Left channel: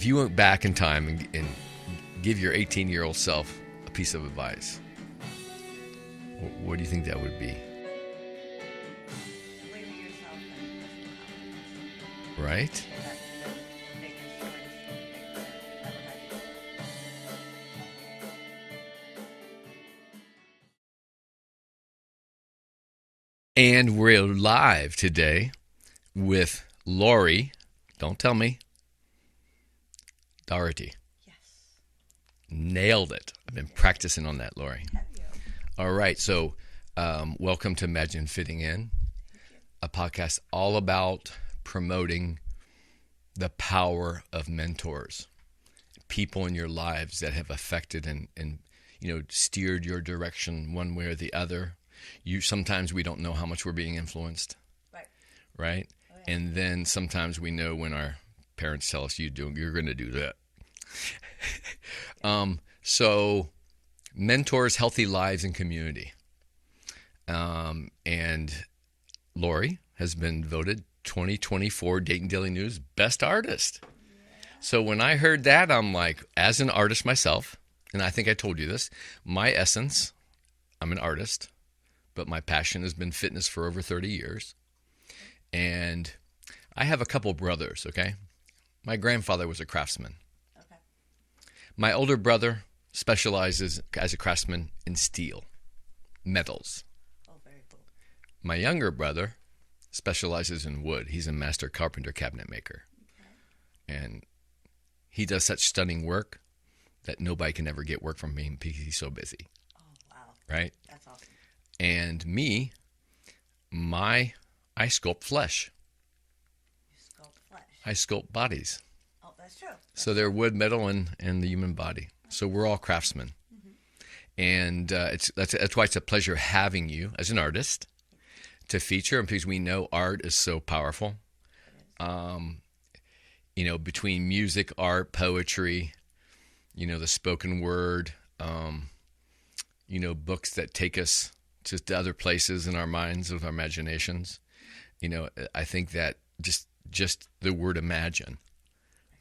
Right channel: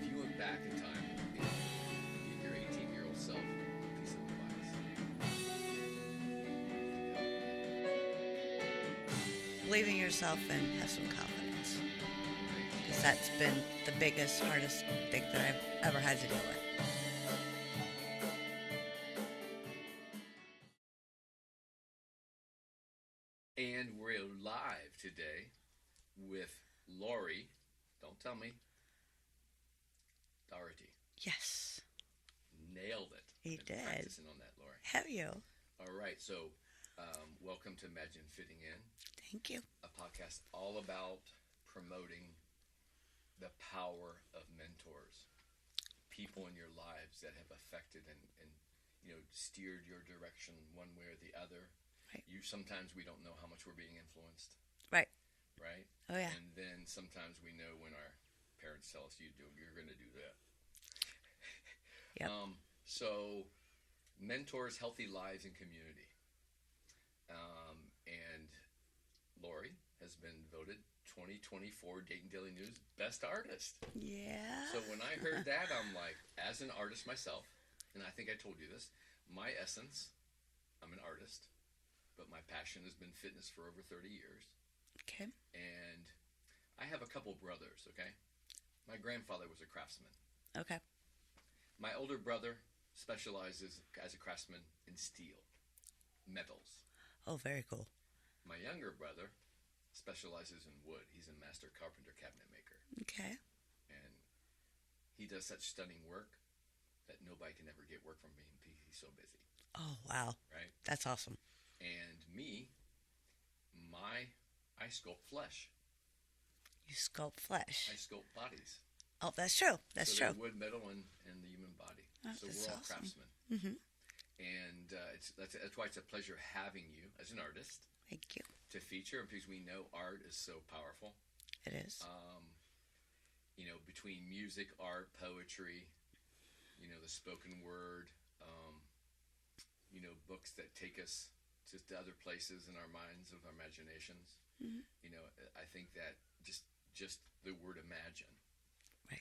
If you went back in time and give your 18-year-old self a piece of advice, what do you think that would be? Believe in yourself and have some confidence. Right? That's been the biggest, hardest thing that I've ever had to deal with. And we're live today with Lori. Don't tell me. Daugherty. Yes. Nailed it. I've been practicing on that, Lori. Have you? All right. So welcome to Imagine Fitting In. Thank you. A podcast all about promoting the power of mentors, people in your lives that have affected and steered your direction one way or the other. Sometimes we don't know how much we're being influenced. Right? Oh, yeah. And then sometimes we know when our parents tell us you're going to do that. Yeah. So mentors, healthy lives, and community. And Lori has been voted 2024 Dayton Daily News Best Artist. Yeah. So when I heard that, I'm like, as an artist myself, and I think I told you this, my essence, I'm an artist, but my passion has been fitness for over 30 years. Okay. And I have a couple brothers, okay? My grandfather was a craftsman. Okay. My older brother specializes as a craftsman in steel, metals. Oh, very cool. My younger brother specializes in wood. He's a master carpenter cabinet maker. Okay. And he does such stunning work that nobody can ever get work from him because he's so busy. Oh, wow. Right? That's awesome. And me, I sculpt flesh. You sculpt flesh. I sculpt bodies. Oh, that's true. So they're wood, metal, and the human body. So we're all craftsmen. Mm-hmm. And that's why it's a pleasure having you as an artist. Thank you. To feature, because we know art is so powerful. It is. Between music, art, poetry, the spoken word, books that take us to other places in our minds, with our imaginations. Mm-hmm. I think that just the word imagine,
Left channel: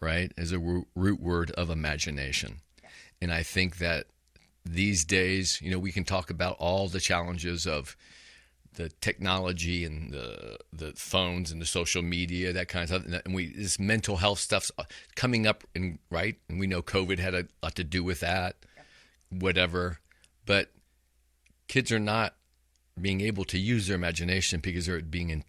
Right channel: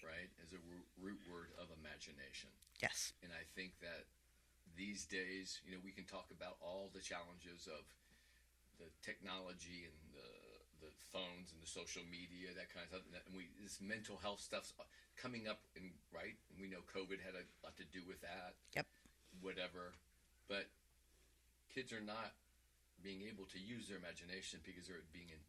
right, is a root word of imagination. Yes. And I think that these days, we can talk about all the challenges of the technology and the phones and the social media, that kind of stuff. And this mental health stuff's coming up, and we know COVID had a lot to do with that. Yep. Whatever. But kids are not being able to use their imagination because they're being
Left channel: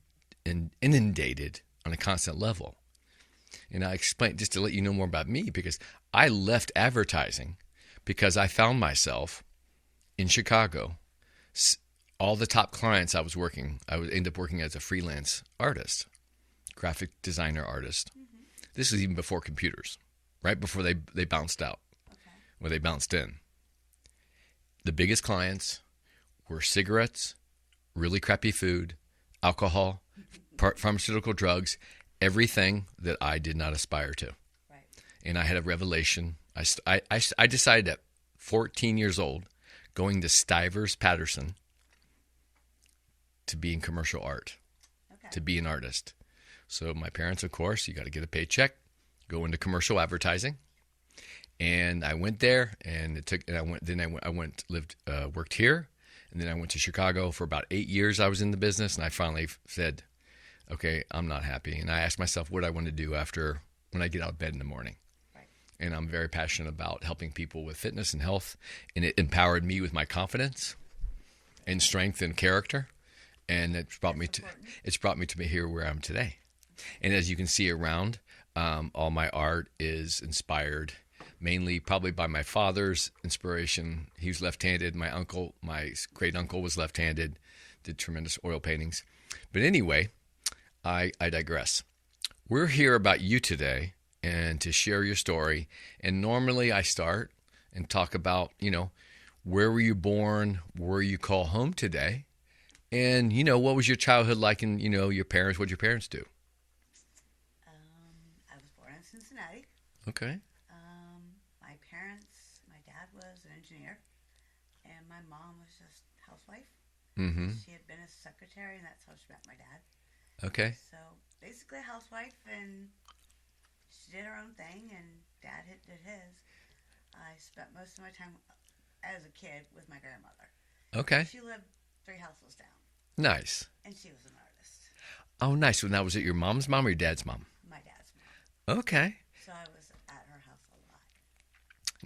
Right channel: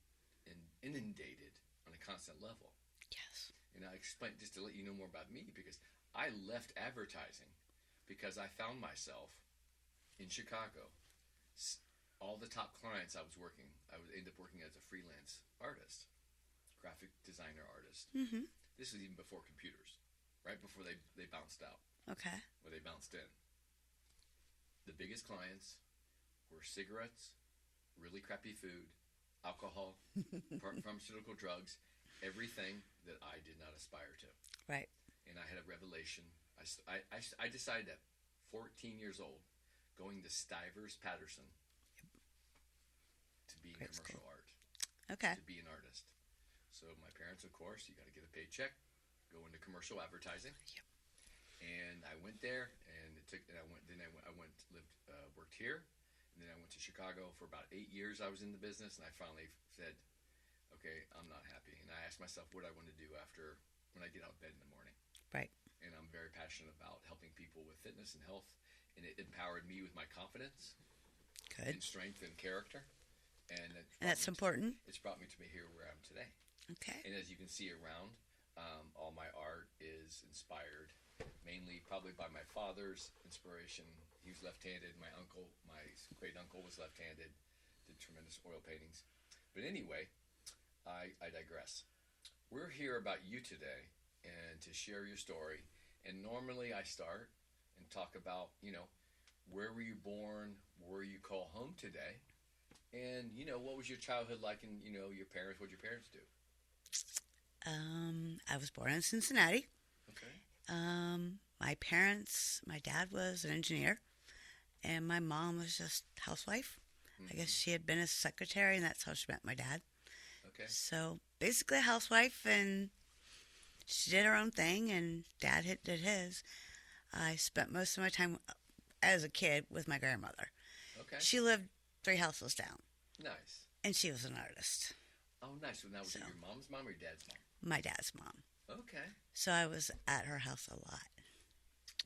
inundated on a constant level. Yes. And I explained, just to let you know more about me, because I left advertising because I found myself in Chicago. All the top clients I would end up working as a freelance artist, graphic designer artist. Mm-hmm. This is even before computers, right before they bounced out. Okay. Or they bounced in. The biggest clients were cigarettes, really crappy food, alcohol, pharmaceutical drugs, everything that I did not aspire to. Right. And I had a revelation. I decided at 14 years old, going to Stivers Patterson, to be in commercial art, to be an artist. So my parents, of course, you got to get a paycheck, go into commercial advertising. And I went there, and worked here. And then I went to Chicago for about 8 years. I was in the business, and I finally said, okay, I'm not happy. And I asked myself what I want to do when I get out of bed in the morning. Right. And I'm very passionate about helping people with fitness and health. And it empowered me with my confidence and strength and character. And it's brought me to here where I'm today. Okay. And as you can see around, all my art is inspired mainly probably by my father's inspiration. He was left-handed. My great uncle was left-handed, did tremendous oil paintings. But anyway, I digress. We're here about you today and to share your story. And normally I start and talk about, where were you born? Where you call home today? And, what was your childhood like, and, your parents, what did your parents do? I was born in Cincinnati. Okay. My dad was an engineer, and my mom was just housewife. Mm-hmm. She had been a secretary, and that's how she met my dad. Okay. So basically a housewife, and she did her own thing, and Dad did his. I spent most of my time as a kid with my grandmother. Okay. She lived 3 houses down, Nice. and she was an artist. Oh, nice. So now, was it your mom's mom or your dad's mom? My dad's mom. Okay. So I was at her house a lot.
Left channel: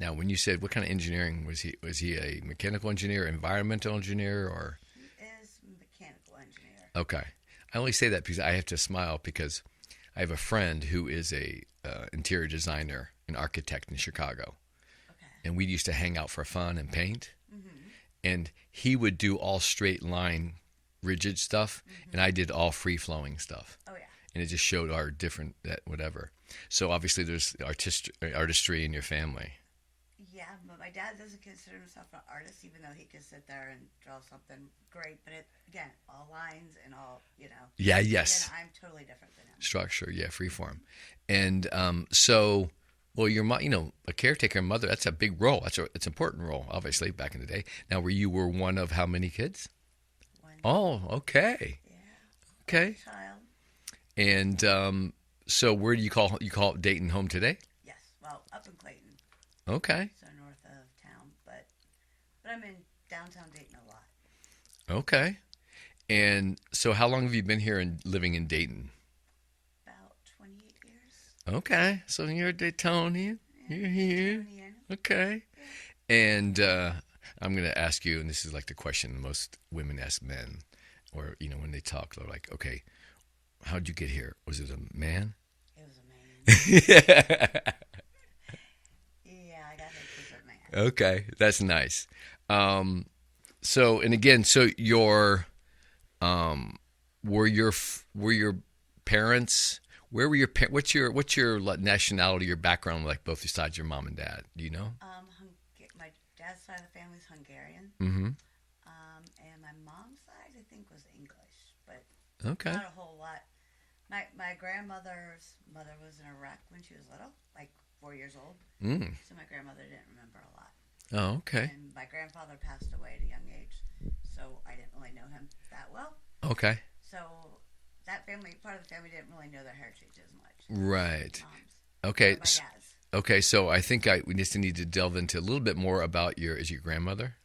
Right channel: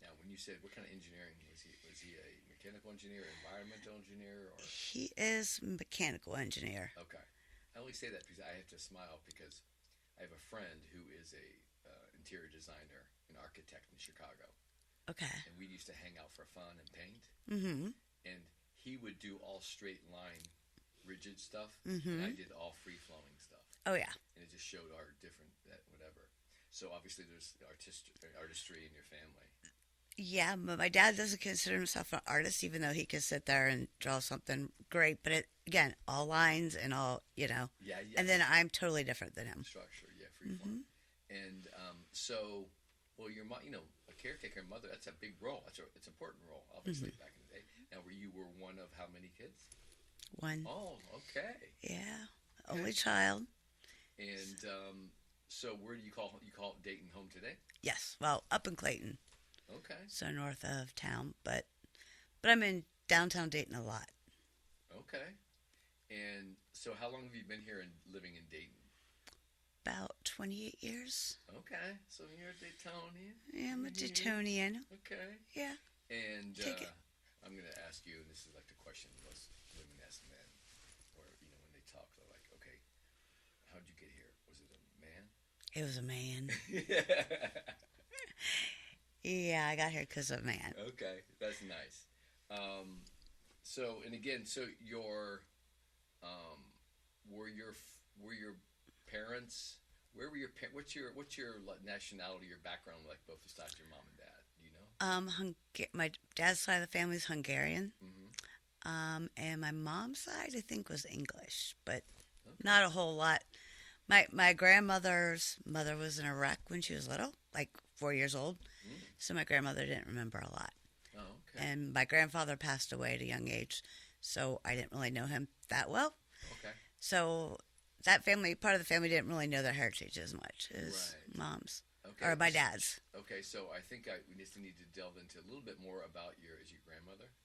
Now, when you said what kind of engineering was he? Was he a mechanical engineer, environmental engineer, or? He is a mechanical engineer. Okay. I only say that because I have to smile because I have a friend who is a interior designer, an architect in Chicago. Okay. And we used to hang out for fun and paint. Mm-hmm. And he would do all straight line, rigid stuff, and I did all free flowing stuff. Oh, yeah. And it just showed our different whatever. So obviously there's artistry in your family. Yeah, but my dad doesn't consider himself an artist, even though he could sit there and draw something great. But again, all lines and all, Yeah, yes. And then I'm totally different than him. Structure, yeah, free form. And so, well, your mom, a caretaker and mother, that's a big role. It's an important role, obviously, back in the day. Now, you were one of how many kids? 1. Oh, okay. Yeah. Okay. Only child. And so where do you call Dayton home today? Yes. Well, up in Clayton. Okay. So north of town, but I'm in downtown Dayton a lot. Okay. And so how long have you been here and living in Dayton? About 28 years. Okay. So you're a Daytonian. Yeah, You're I'm a here. Daytonian. Okay. Yeah. And I'm going to ask you, and this is like the question most women ask men, or, when they talk, they're like, okay, how'd you get here? Was it a man? It was a man. Yeah. Yeah, I got here because of a man. Okay, that's nice. So your were your parents? Where were your what's your nationality, your background, like both sides, your mom and dad? Do you know? My dad's side of the family is Hungarian. Mm-hmm. And my mom's side, I think, was English, but Okay. not a whole lot. My grandmother's mother was in Iraq when she was little, like 4 years old. So my grandmother didn't remember a lot. Oh, okay. And my grandfather passed away at a young age, so I didn't really know him that well. Okay. So that part of the family didn't really know their heritage as much as Right. mom's. Okay. Or my dad's. Okay, so I think we just need to delve into a little bit more about your grandmother?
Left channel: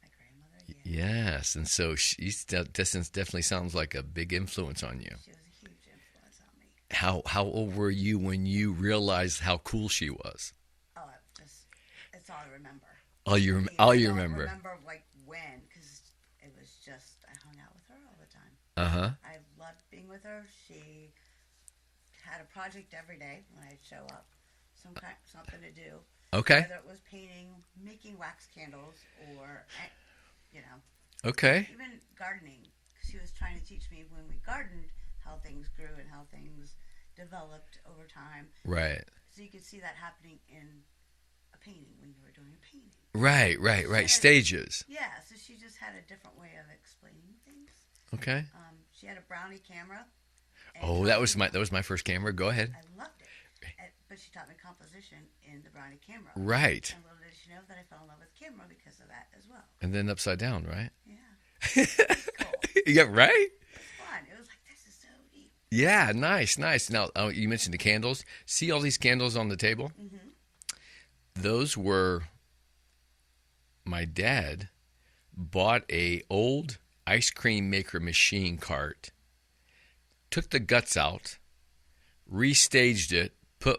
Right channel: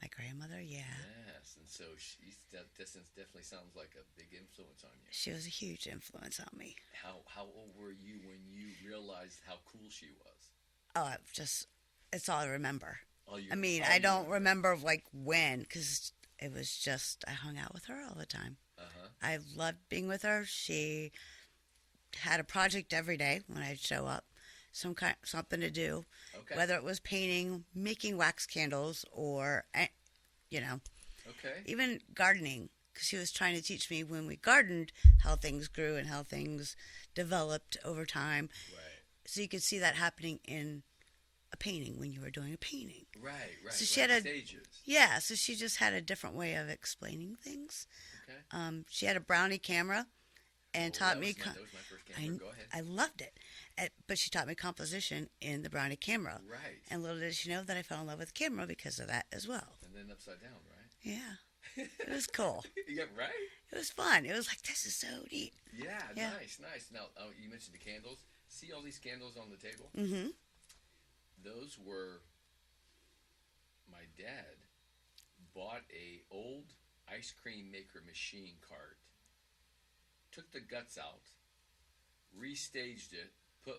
My grandmother, yeah. Yes, and so she definitely sounds like a big influence on you. She was a huge influence on me. How old were you when you realized how cool she was? Oh, it's all I remember. I don't remember like when, because it was just, I hung out with her all the time. Uh-huh. I loved being with her. She had a project every day when I'd show up, something to do. Okay. Whether it was painting, making wax candles, or, Okay. even gardening, because she was trying to teach me when we gardened how things grew and how things developed over time. Right. So you could see that happening in a painting when you were doing a painting. Right. Stages. Yeah, so she just had a different way of explaining things. Okay. She had a Brownie camera. And that was my first camera. Go ahead. I loved it. But she taught me composition in the Brownie camera. Right. And little did she know that I fell in love with camera because of that as well. And then upside down, right? Yeah. It was cool. Yeah, right? It was fun. It was like, this is so neat. Yeah, nice. Now, you mentioned the candles. See all these candles on the table? Mm-hmm. Those were, my dad bought a old ice cream maker machine cart, took the guts out, restaged it,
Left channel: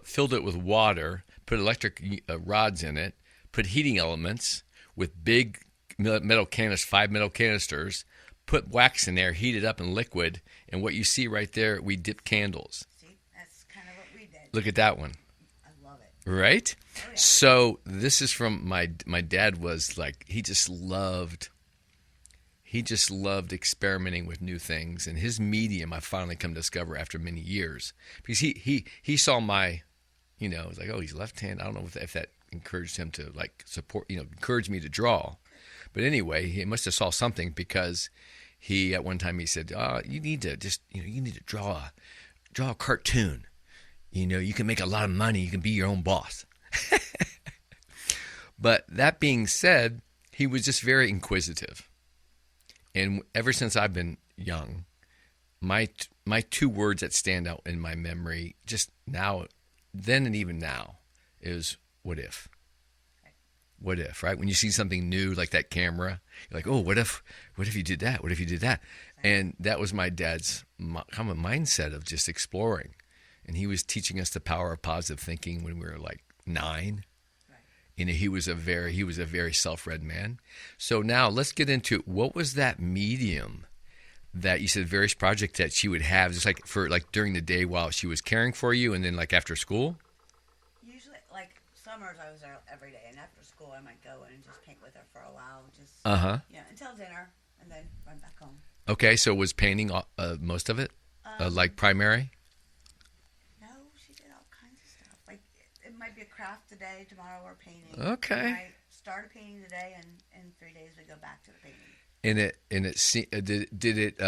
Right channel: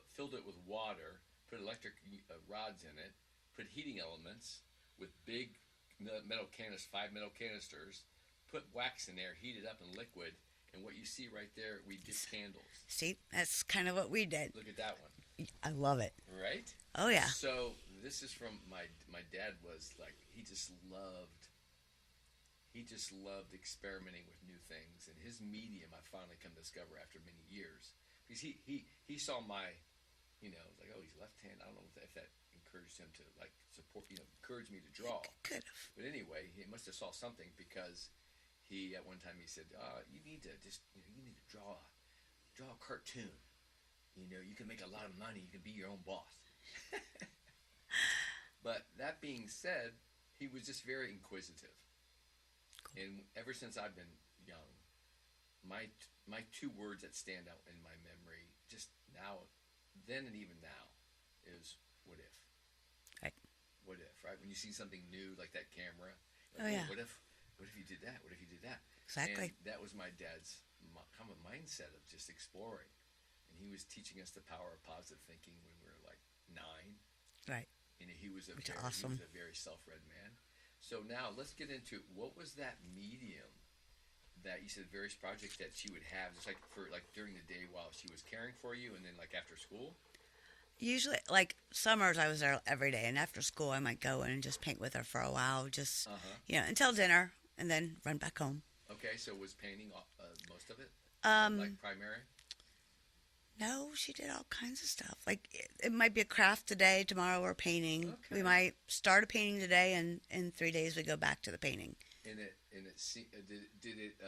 filled it with water, put electric rods in it, put heating elements with big metal canisters, 5 metal canisters, put wax in there, heat it up in liquid, and what you see right there, we dipped candles. See, that's kind of what we did. Look at that one. I love it. Right? Oh, yeah. So this is from my dad was like, he just loved experimenting with new things, and his medium I finally come to discover after many years, because he saw my, it was like, oh, he's left-handed. I don't know if that encouraged him to like support, encourage me to draw. Good. But anyway, he must have saw something, because he at one time he said, you need to just you need to draw a cartoon. You can make a lot of money. You can be your own boss. But that being said, he was just very inquisitive. And ever since I've been young, my 2 words that stand out in my memory just now then and even now is what if? Right. What if, right? When you see something new like that camera, you're like, Oh, oh, yeah. what if you did that? What if you did that? Exactly. And that was my dad's kind of mindset of just exploring. And he was teaching us the power of positive thinking when we were like 9. Right. And he was a very self-read man. So now let's get into what was that medium that you said various projects that she would have just like for like during the day while she was caring for you and then like after school? Usually, like summers, I was there every day, and after school, I might go in and just paint with her for a while, just until dinner, and then run back home. Okay, so was painting most of it, like primary? No, she did all kinds of stuff. Like it might be a craft today, tomorrow we're painting. Okay. We might start a painting today, and in 3 days we go back to the painting. And it did it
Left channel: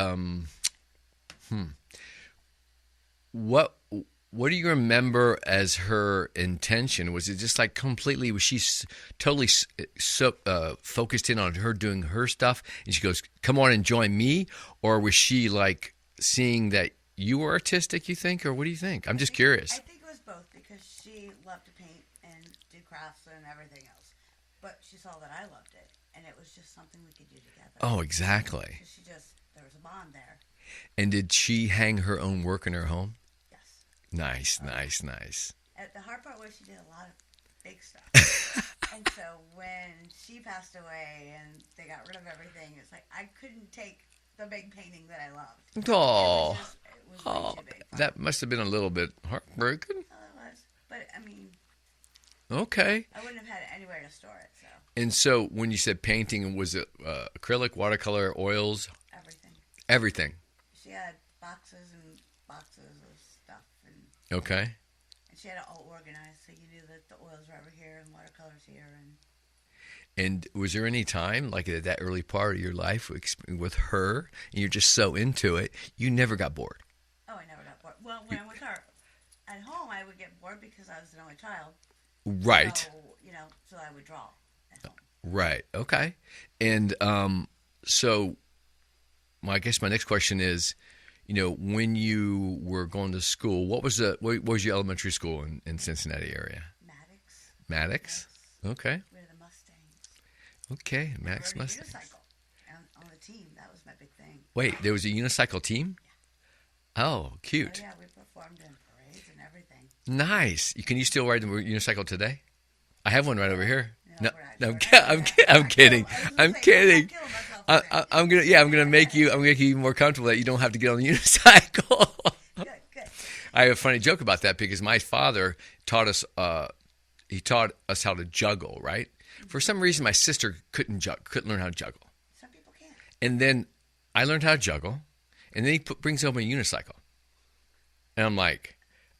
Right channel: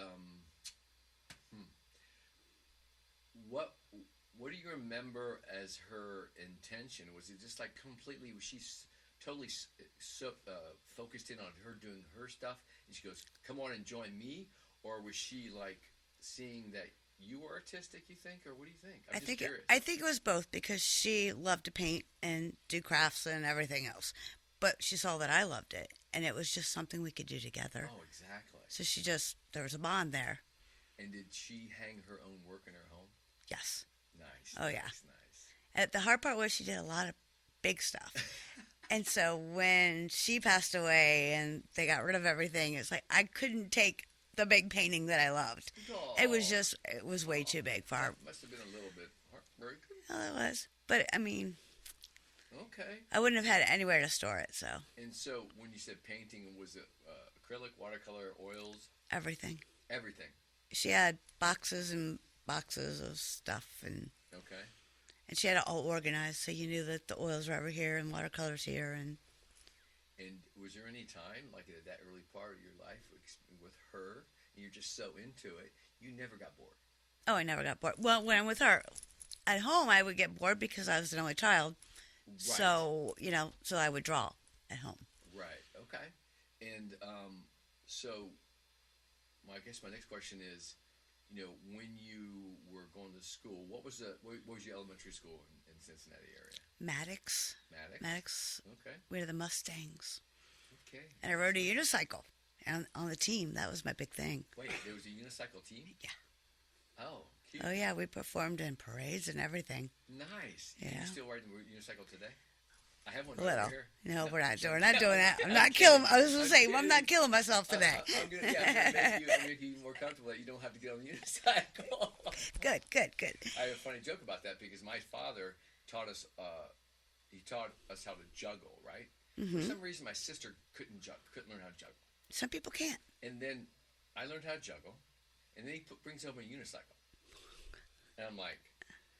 what do you remember as her intention? Was it just like completely, was she totally focused in on her doing her stuff and she goes, come on and join me? Or was she like seeing that you were artistic, you think? Or what do you think? I'm just curious. I think it was both because she loved to paint and do crafts and everything else. But she saw that I loved it, and it was just something we could do together. Oh, exactly. So there was a bond there. And did she hang her own work in her home? Yes. Nice. The hard part was she did a lot of big stuff. And so when she passed away and they got rid of everything, it's like I couldn't take the big painting that I loved. Oh. It was way too big for her. That must have been a little bit heartbreaking. Well, it was. But, I mean, okay. I wouldn't have had anywhere to store it, so. And so when you said painting, was it acrylic, watercolor, oils? Everything. Everything. She had boxes and boxes of stuff. Okay. And she had it all organized, so you knew that the oils were over here and watercolors here. And was there any time, like at that early part of your life with her, and you're just so into it, you never got bored? Oh, I never got bored. Well, when I'm with her at home, I would get bored because I was an only child. Right. So, so I would draw at home. Right. Okay. And so I guess my next question is, when you were going to school, what was your elementary school in Cincinnati area? Maddox. Okay. We were the Mustangs. Okay. And I rode a unicycle on the team. That was my big thing. Wait, there was a unicycle team? Yeah. Oh, cute. Oh, yeah. We performed in parades and everything. Nice. Can you still ride the unicycle today? I have one right over here. No, we're not. I'm kidding. I'm kidding. I'm not killing myself today. I'm gonna make you even more comfortable that you don't have to get on the unicycle. Good. I have a funny joke about that because my father taught us. He taught us how to juggle. Right. Mm-hmm. For some reason, my sister couldn't learn how to juggle. Some people can't. And then I learned how to juggle, and then he brings home a unicycle, and I'm like,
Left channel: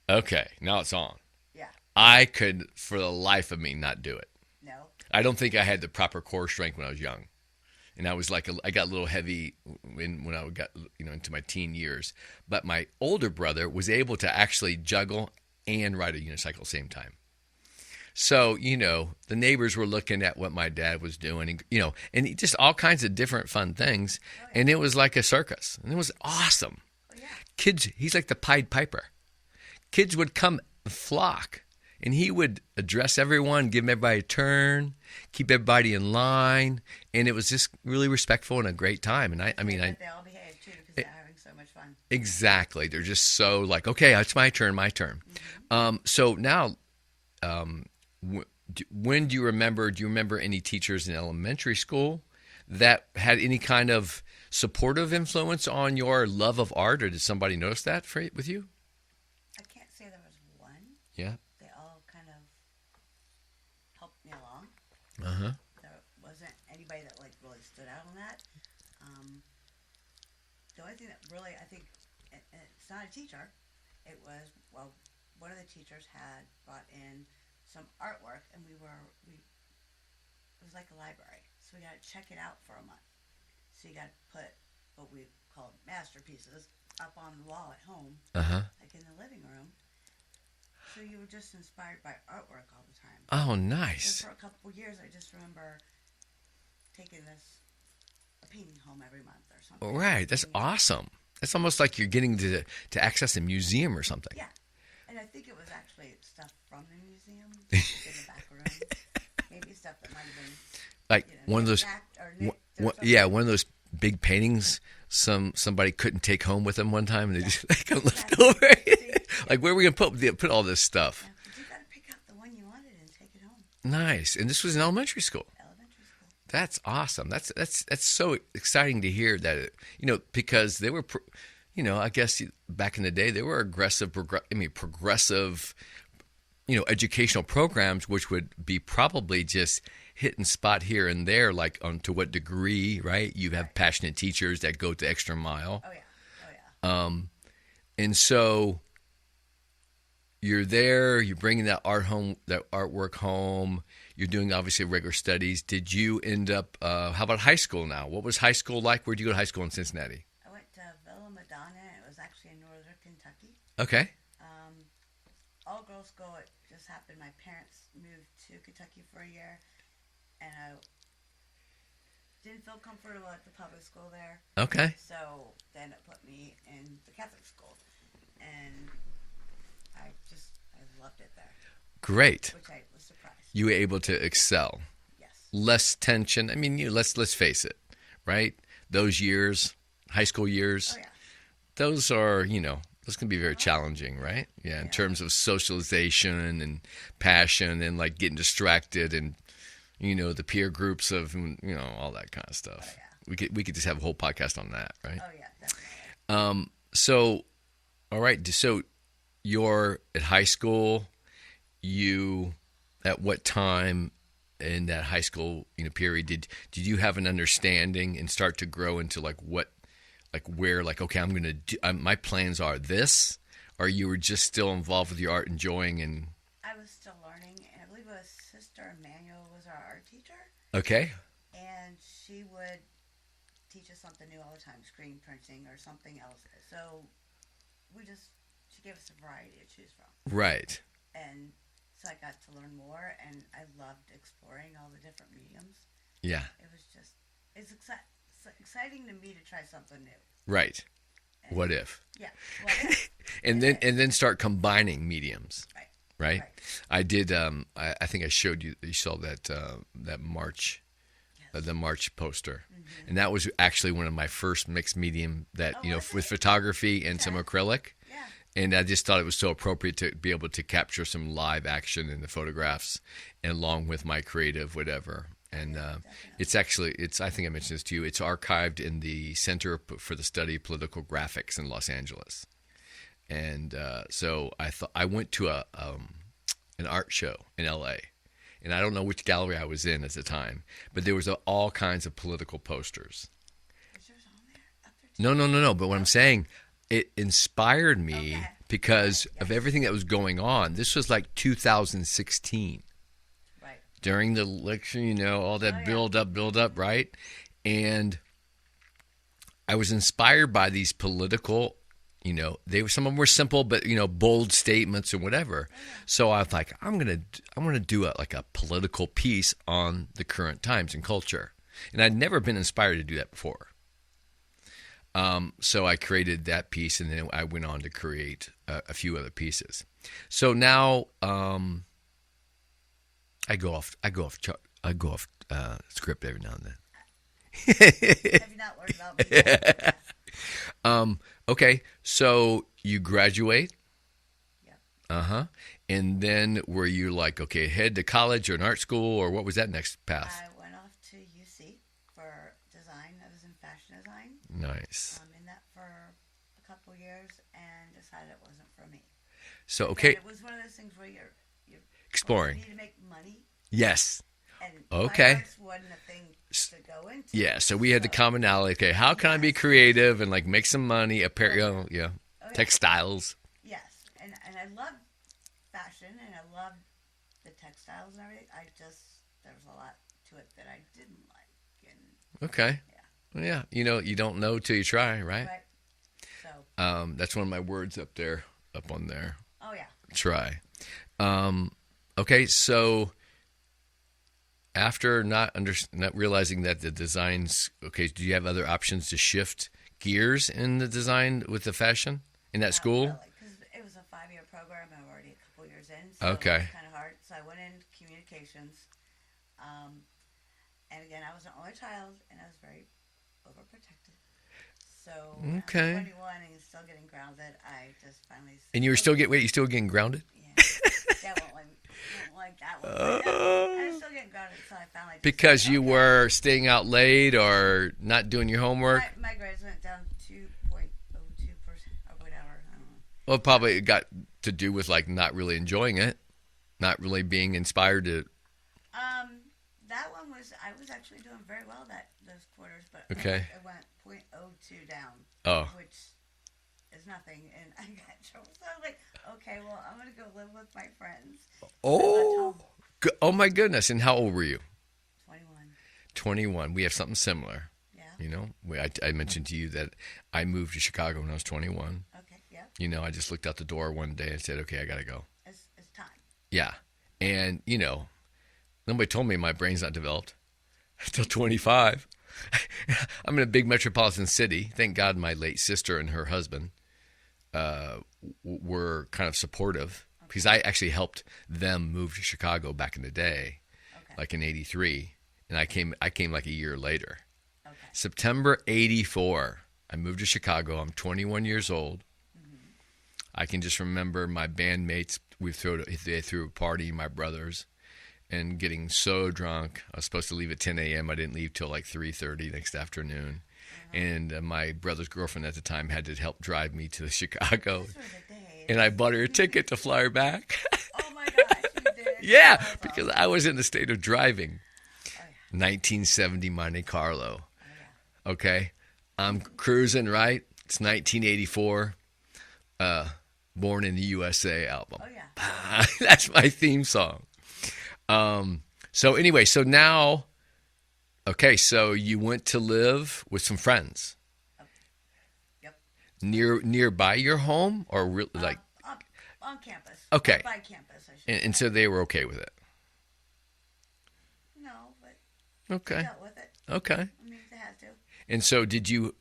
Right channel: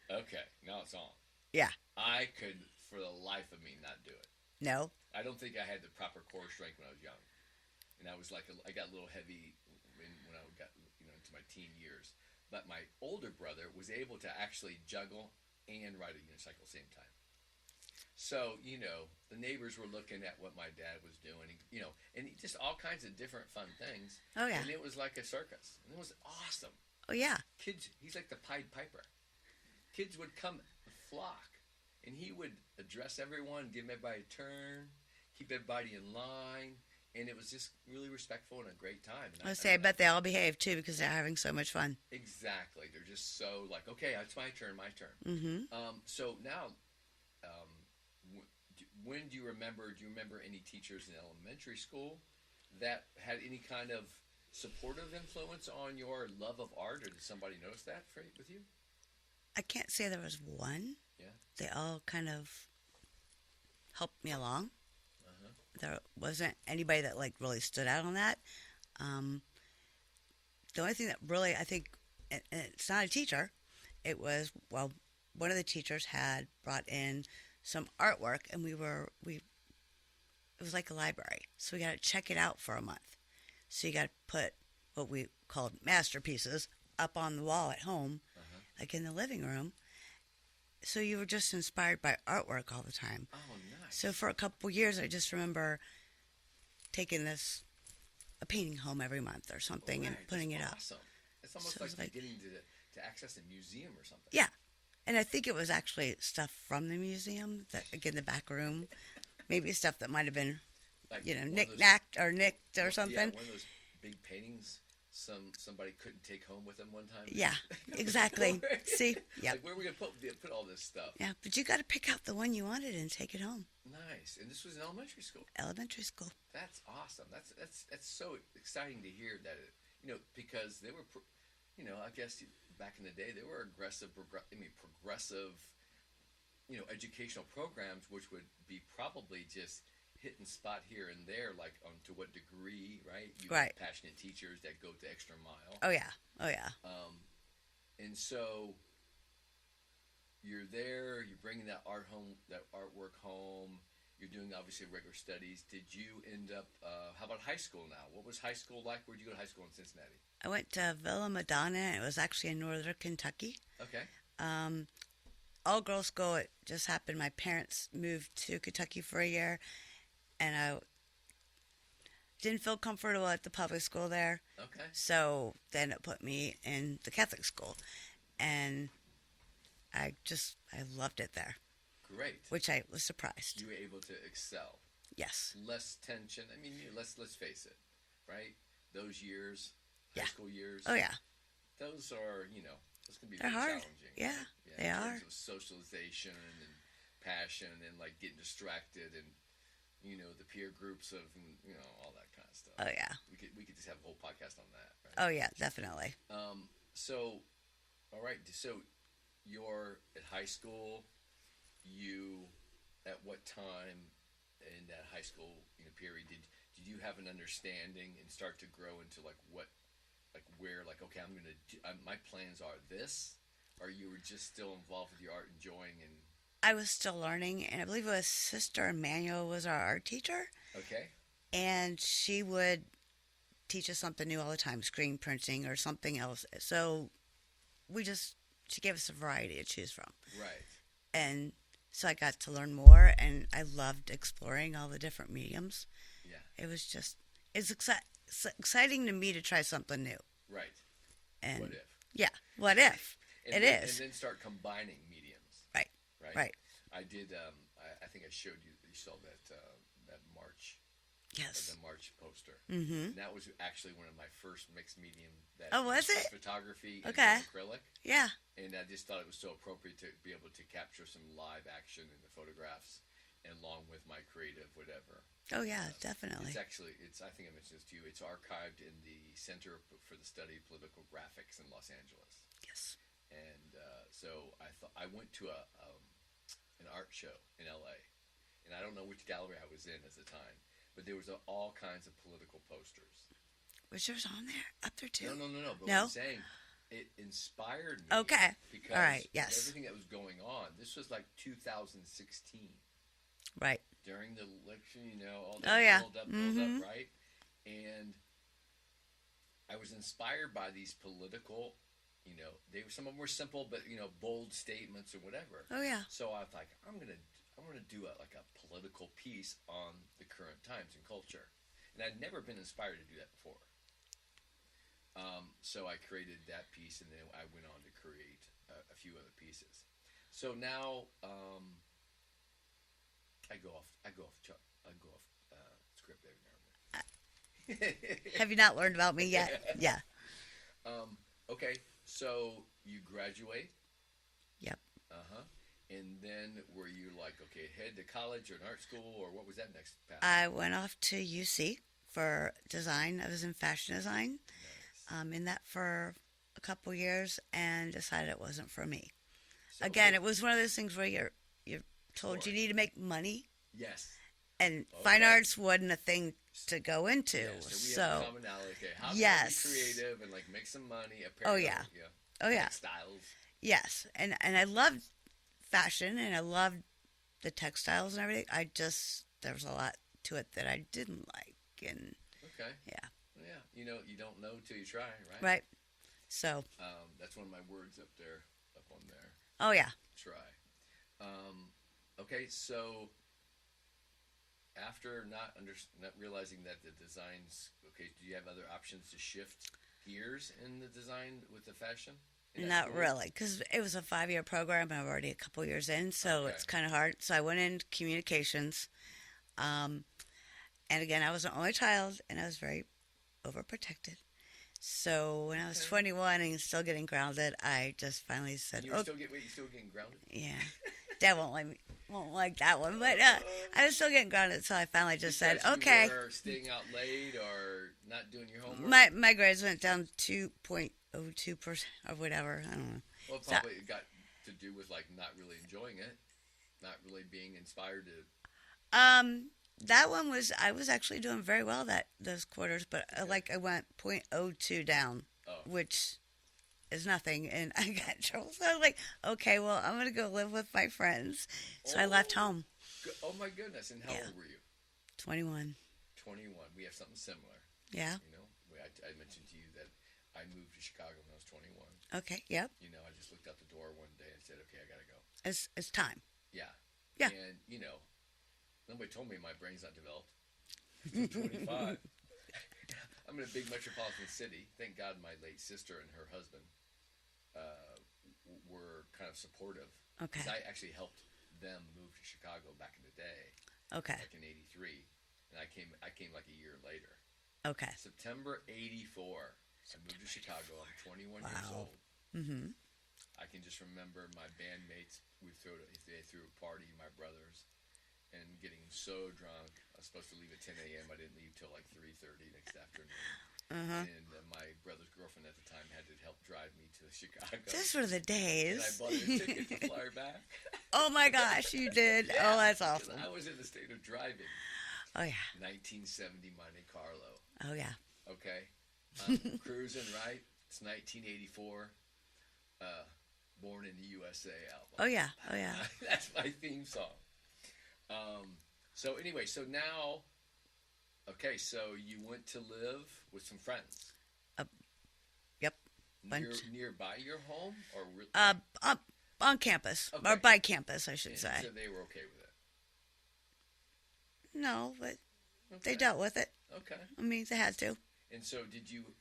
okay, now it's on. Yeah. I could, for the life of me, not do it. No. I don't think I had the proper core strength when I was young. And I was like, I got a little heavy when I got, into my teen years. But my older brother was able to actually juggle and ride a unicycle at the same time. So, the neighbors were looking at what my dad was doing, and just all kinds of different fun things. Oh, yeah. And it was like a circus. And it was awesome. Oh, yeah. Kids, he's like the Pied Piper. Kids would come flock. And he would address everyone, give everybody a turn, keep everybody in line, and it was just really respectful and a great time. And I bet they all behave too because they're having so much fun. Exactly, they're just so like, okay, it's my turn. Mm-hmm. So now, when do you remember? Do you remember any teachers in elementary school that had any kind of supportive influence on your love of art, or did somebody notice that with you? I can't say there was one. Yeah. They all kind of helped me along. Uh-huh. There wasn't anybody that really stood out on that. The only thing that really, I think, and it's not a teacher, it was, one of the teachers had brought in some artwork, and it was like a library. So we got to check it out for a month. So you got to put what we called masterpieces up on the wall at home, like in the living room. So you were just inspired by artwork all the time. Oh, nice. So for a couple years, I just remember taking a painting home every month or something. Right. That's awesome. That's almost like you're getting to access a museum or something. Yeah. And I think it was actually stuff from the museum, like in the back room. Maybe stuff that might have been, Like one of those, knick-knacked or nicked or something. yeah, one of those big paintings somebody couldn't take home with them one time, and they just exactly. left it over. See, Like where are we gonna put all this stuff? Yeah, but you got to pick out the one you wanted and take it home. Nice. And this was in elementary school. Elementary school. That's awesome. That's so exciting to hear that. Because they were, I guess back in the day they were aggressive, progressive, educational programs, which would be probably just hit and spot here and there, like to what degree, right? You have passionate teachers that go the extra mile. Oh yeah. And so you're there, you're bringing that artwork home. You're doing obviously regular studies. Did you end up? How about high school now? What was high school like? Where'd you go to high school in Cincinnati? I went to Villa Madonna. It was actually in northern Kentucky. Okay. All girls school. It just happened. My parents moved to Kentucky for a year, and I didn't feel comfortable at the public school there. Okay. So then it put me in the Catholic school, and I loved it there. Great. Which I was surprised. You were able to excel. Yes. Less tension. I mean, let's face it, right? Those years, high school years. Oh yeah. Those are, those can be very challenging, right? Yeah, in terms of socialization and passion and like getting distracted and the peer groups of all that kind of stuff. Oh yeah. We could just have a whole podcast on that, right? Oh yeah, definitely. So all right, so you're at high school. You at what time in that high school period did you have an understanding and start to grow into okay, I'm gonna do my plans are this, or you were just still involved with your art, enjoying? And I was still learning, and I believe it was Sister Emmanuel was our art teacher. Okay. And she would teach us something new all the time, screen printing or something else. So she gave us a variety to choose from. Right. And so I got to learn more, and I loved exploring all the different mediums. Yeah. It was it's exciting to me to try something new. Right. And what if? Yeah. What if? and then start combining mediums. Right. Right. I did. I think I showed you. You saw that March. Yes. The March poster, Mm-hmm. and that was actually one of my first mixed medium with it? photography and some acrylic. Yeah. And I just thought it was so appropriate to be able to capture some live action in the photographs, and along with my creative whatever. Oh, and definitely. it's I think I mentioned this to you. It's archived in the Center for the Study of Political Graphics in Los Angeles. Yes. And so I went to an art show in L.A. And I don't know which gallery I was in at the time, but there was all kinds of political posters. Was yours on there? Up there too? No. But what I'm saying, it inspired me because Yes. of everything that was going on. This was like 2016. Right. During the election, all that build up, right? And I was inspired by these political, some of them were simple, but bold statements or whatever. Oh yeah. So I was like, I'm gonna do a political piece on the current times and culture, and I'd never been inspired to do that before. So I created that piece, and then I went on to create a few other pieces. So now I go off script every now and then. Have you not learned about me yet? Yeah. Okay, so you graduate. Yep. And then were you like, okay, head to college or an art school, or what was that next path? I went off to UC for design. I was in fashion design. Nice. In that for a couple years, and decided it wasn't for me. So Again, it was one of those things where you're exploring. You need to make money. Yes. And fine arts wasn't a thing to go into. Yeah, so we had the commonality. Okay, how can I be creative and make some money? Apparel, textiles. Yes, and I loved fashion, and I loved the textiles and everything. There was a lot to it that I didn't like, and okay, yeah, you don't know till you try, right? Right. So that's one of my words up on there. Oh yeah. Try. Okay, so after not realizing that the designs, do you have other options to shift gears in the design with the fashion in that Not school? really, because it was a 5-year program, and I'm already a couple years in, so Okay. it's kind of hard. So I went into communications, and again, I was an only child, and I was very overprotected. So when I was Okay. 21 and still getting grounded, I just finally said, And you were "Okay." you still getting grounded? Yeah, Dad won't like that one, but I was still getting grounded, so I finally just Because said, you okay. were staying out late or not doing your homework? My grades went down 2.02% or whatever. I don't know. Well, probably it got to do with like not really enjoying it, not really being inspired to. That one I was actually doing very well those quarters, but Okay. I went 0.02 down, Oh. which is nothing, and I got in trouble. So I was like, okay, well, I'm gonna go live with my friends. So I left home. Oh my goodness! And how old were you? 21. 21. We have something similar. Yeah. You know, I mentioned to you that I moved to Chicago when I was 21. Okay. Yep. You know, I just looked out the door one day and said, "Okay, I gotta go." It's time. Yeah. Yeah. And you know, nobody told me my brain's not developed until 25. I'm in a big metropolitan city. Thank God my late sister and her husband were kind of supportive because I actually helped them move to Chicago back in the day, Okay. like in '83, and I came like a year later. Okay. September '84, I moved to Chicago. I'm 21 years old. Mm-hmm. I can just remember my bandmates. They threw a party, my brothers, and getting so drunk. I was supposed to leave at 10 a.m. I didn't leave till like 3:30 next afternoon. And my brother's girlfriend at the time had to help drive me to Chicago. Those were the days. And I bought her a ticket to fly her back. Oh my gosh, you did. Yeah, Oh, that's because awesome. I was in the state of driving. Oh yeah. 1970 Monte Carlo. Oh yeah. Okay, I'm cruising, right? It's 1984. Born in the USA album. Oh yeah. That's my theme song. So anyway, so now, okay, so you went to live with some friends Yep. nearby your home, or like, Up on campus. Okay. Or by campus, I should say. and so they were okay with it. No, but Okay. they dealt with it. Okay. I mean, they had to. And so did you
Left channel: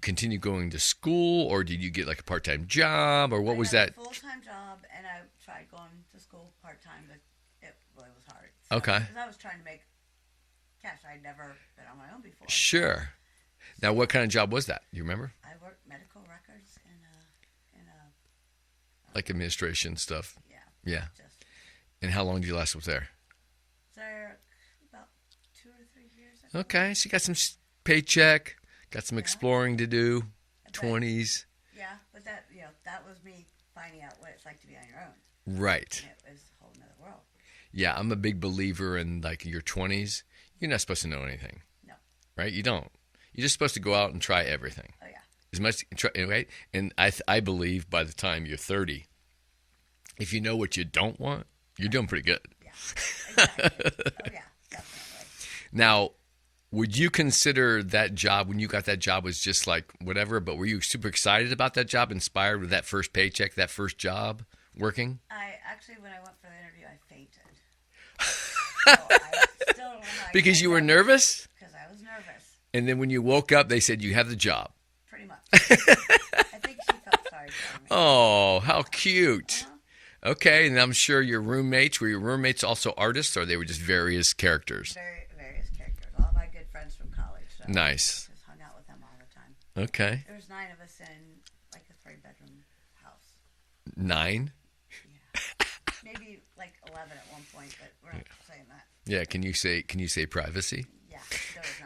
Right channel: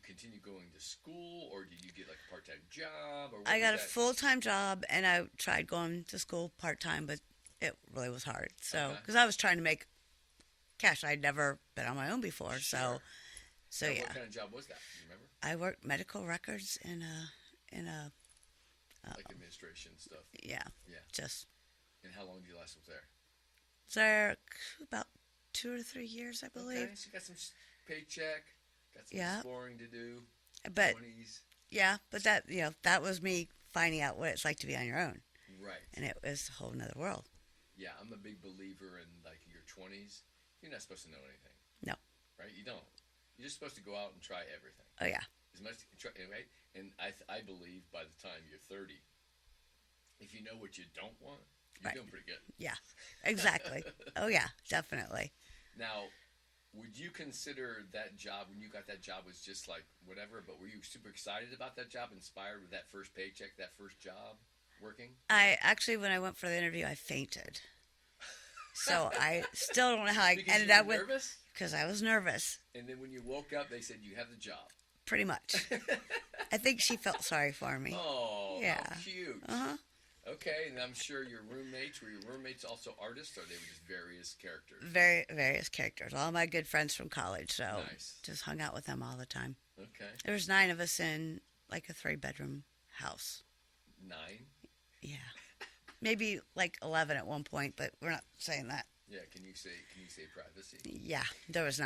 continue going to school, or did you get like a part-time job, or what was I that? got a full-time job, and I tried going to school part-time, but it really was hard. So, Okay. Because I was trying to make cash. I'd never been on my own before. Sure. So, Now, yeah. what kind of job was that? You remember? I worked medical records in a Like administration stuff. yeah, Yeah. just And how long did you last up there? there about 2 or 3 years, I believe. Okay, so you got some paycheck, got some Yeah. exploring to do. But- 20s. Yeah, but that was me finding out what it's like to be on your own, Right. and it was a whole nother world. Yeah, I'm a big believer in like your 20s. You're not supposed to know anything. No. Right? You don't. You're just supposed to go out and try everything. Oh yeah. As much, right? And I believe by the time you're 30, if you know what you don't want, you're doing pretty good. Yeah, exactly. Oh yeah, definitely. Now, would you consider that job, when you got that job, was just like whatever, but were you super excited about that job, inspired with that first paycheck, that first job working? I actually, when I went for the interview, I fainted. So I still don't know how I Because you were nervous? Because I was nervous, And then when you woke up, they said you have the job. pretty much. I think she felt sorry for me. Oh, Yeah. how cute. Uh-huh. Okay, and I'm sure your roommates, were your roommates also artists, or they were just various characters? Various characters. All my good friends from college. So Nice. just hung out with them all the time. Okay. There was 9 of us in like a 3-bedroom house. 9? Yeah. Maybe like 11 at one point, but we're not saying that. Yeah, can you say privacy? Yeah, there was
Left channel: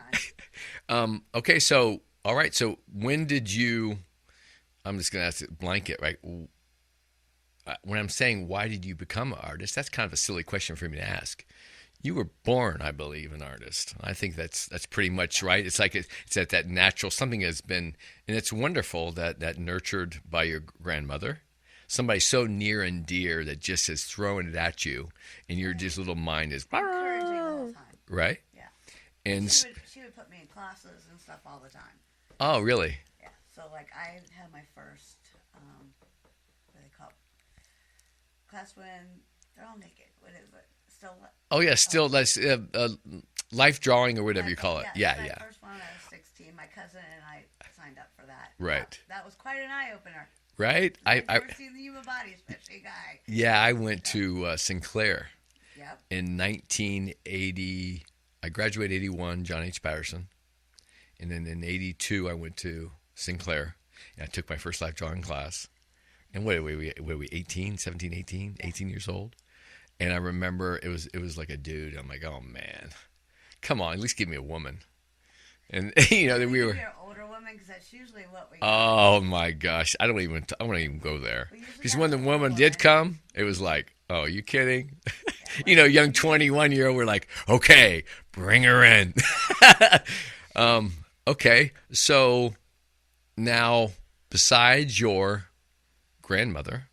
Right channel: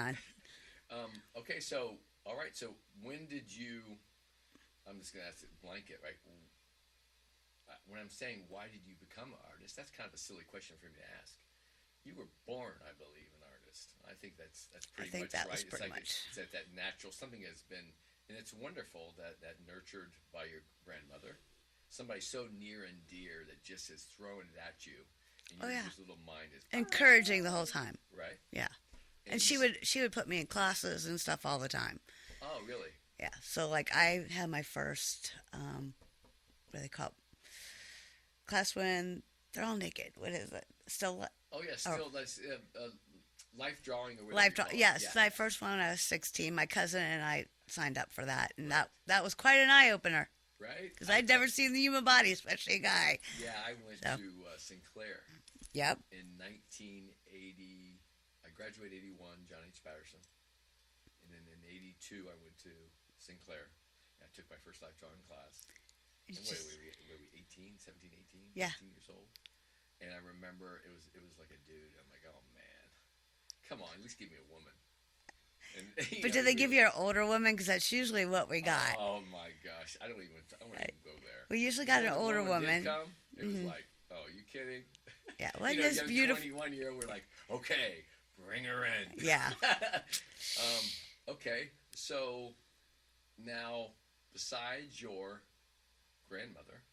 9. Okay, so all right, so when did you, I'm just going to ask it blanket, right? When I'm saying why did you become an artist, that's kind of a silly question for me to ask. You were born, I believe, an artist. I think that's pretty much that's right. It's pretty like it's at that natural, something has been, and it's wonderful that nurtured by your grandmother. Somebody so near and dear that just is throwing it at you, and your yeah. just little mind is Encouraging the whole time. right. Yeah. And And she would put me in classes and stuff all the time. oh, really? Yeah. So like I had my first what do they call it? Class when they're all naked. What is it? Still Oh yeah, still that's life drawing or whatever you call it. Yes, Yeah, my yeah. first one when I was 16. My cousin and I signed up for that. And Right. That was quite an eye opener. Right? Because I've never seen the human body, especially a guy. Yeah, I went to Sinclair Yep. in 1980. I graduated 81, John H. Patterson. And then in 82, I went to Sinclair. And I took my first life drawing class. And what were we 18, 17, 18, Yeah. 18 years old? And I remember it was like a dude. I'm like, oh, man. Come on, at least give me a woman. And, you know, Did they we give were... you an older woman? Because that's usually what we got. Oh, my gosh. I won't even go there. We usually Because got when the an older woman did come, it was like, oh, you kidding? Yeah, You know, it's young beautiful. 21-year-old, we're like, okay, bring her in. Yeah. Okay, so now, besides your grandmother,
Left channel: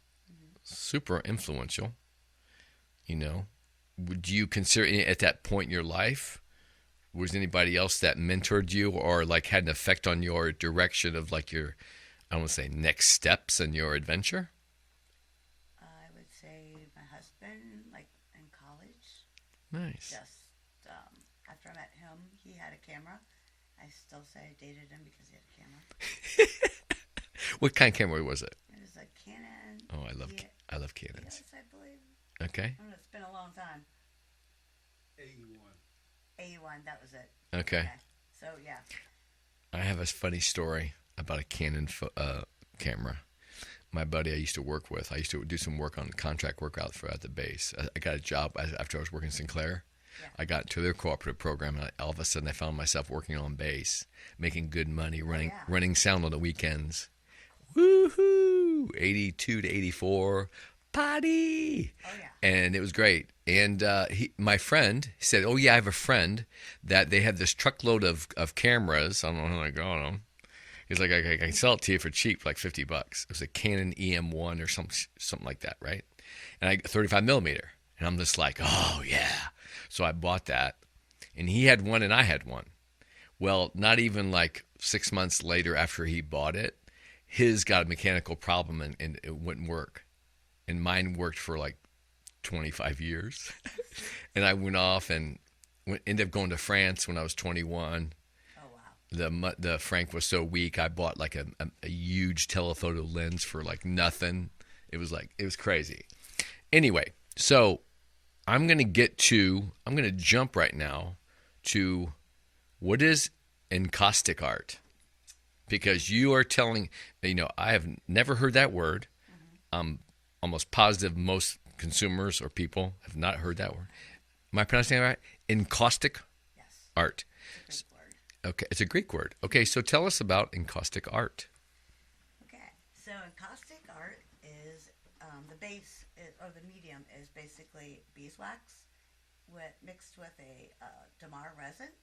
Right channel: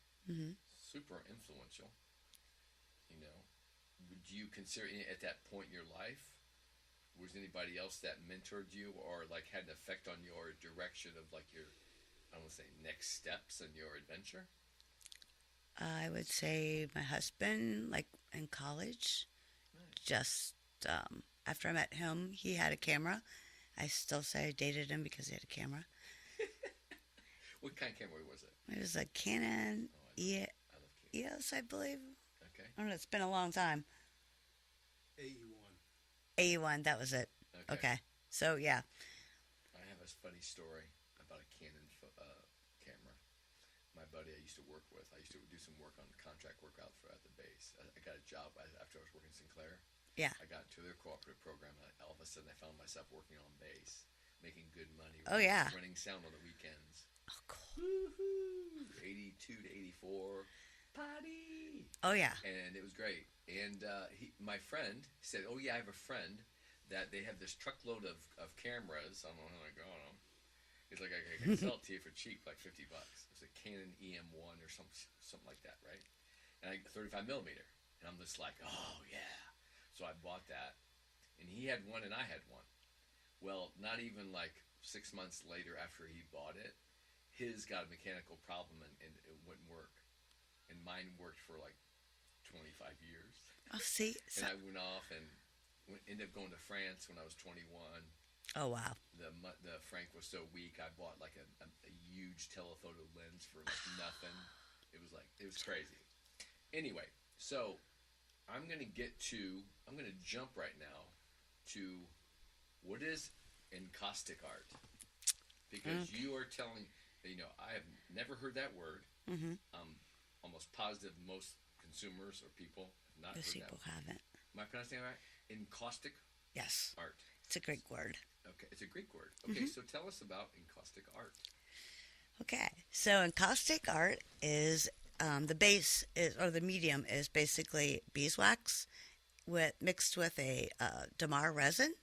super influential, you know, would you consider at that point in your life, was anybody else that mentored you or like had an effect on your direction of like your, I don't want to say next steps in your adventure? I would say my husband, like in college, Nice. just after I met him, he had a camera. I still say I dated him because he had a camera. What kind of camera was it? It was a Canon. Oh, I love Canons. Yes, I believe. Okay. I don't know. It's been a long time. 81. That was it. Okay. So yeah. I have a funny story about a Canon camera. My buddy I used to work with, I used to do some work on contract work out at the base. I got a job after I was working in Sinclair. Yeah. I got to their cooperative program, and all of a sudden I found myself working on base, making good money, running sound on the weekends. Woohoo! 82 to 84, party! Oh, yeah. And it was great. And my friend said, oh, yeah, I have a friend that they have this truckload of cameras. I don't know how I got them. He's like, I can sell it to you for cheap, like $50. It was a Canon EM1 or something like that, right? And I 35 millimeter. And I'm just like, oh, yeah. So I bought that. And he had one and I had one. Well, not even like 6 months later after he bought it, his got a mechanical problem and it wouldn't work. And mine worked for like 25 years. Oh, see? And I went off and ended up going to France when I was 21. Oh, wow. The Frank was so weak, I bought like a huge telephoto lens for like nothing. It was crazy. Anyway, so I'm going to jump right now to what is encaustic art? Because you are telling, I have never heard that word. Mm-hmm. I'm almost positive most consumers or people have not heard that word. Am I pronouncing it right? Encaustic Yes. art. It's a Greek word. Okay, it's a Greek word. Okay, so tell us about encaustic art. Okay, so encaustic art is the base or the medium is basically beeswax mixed with a damar resin.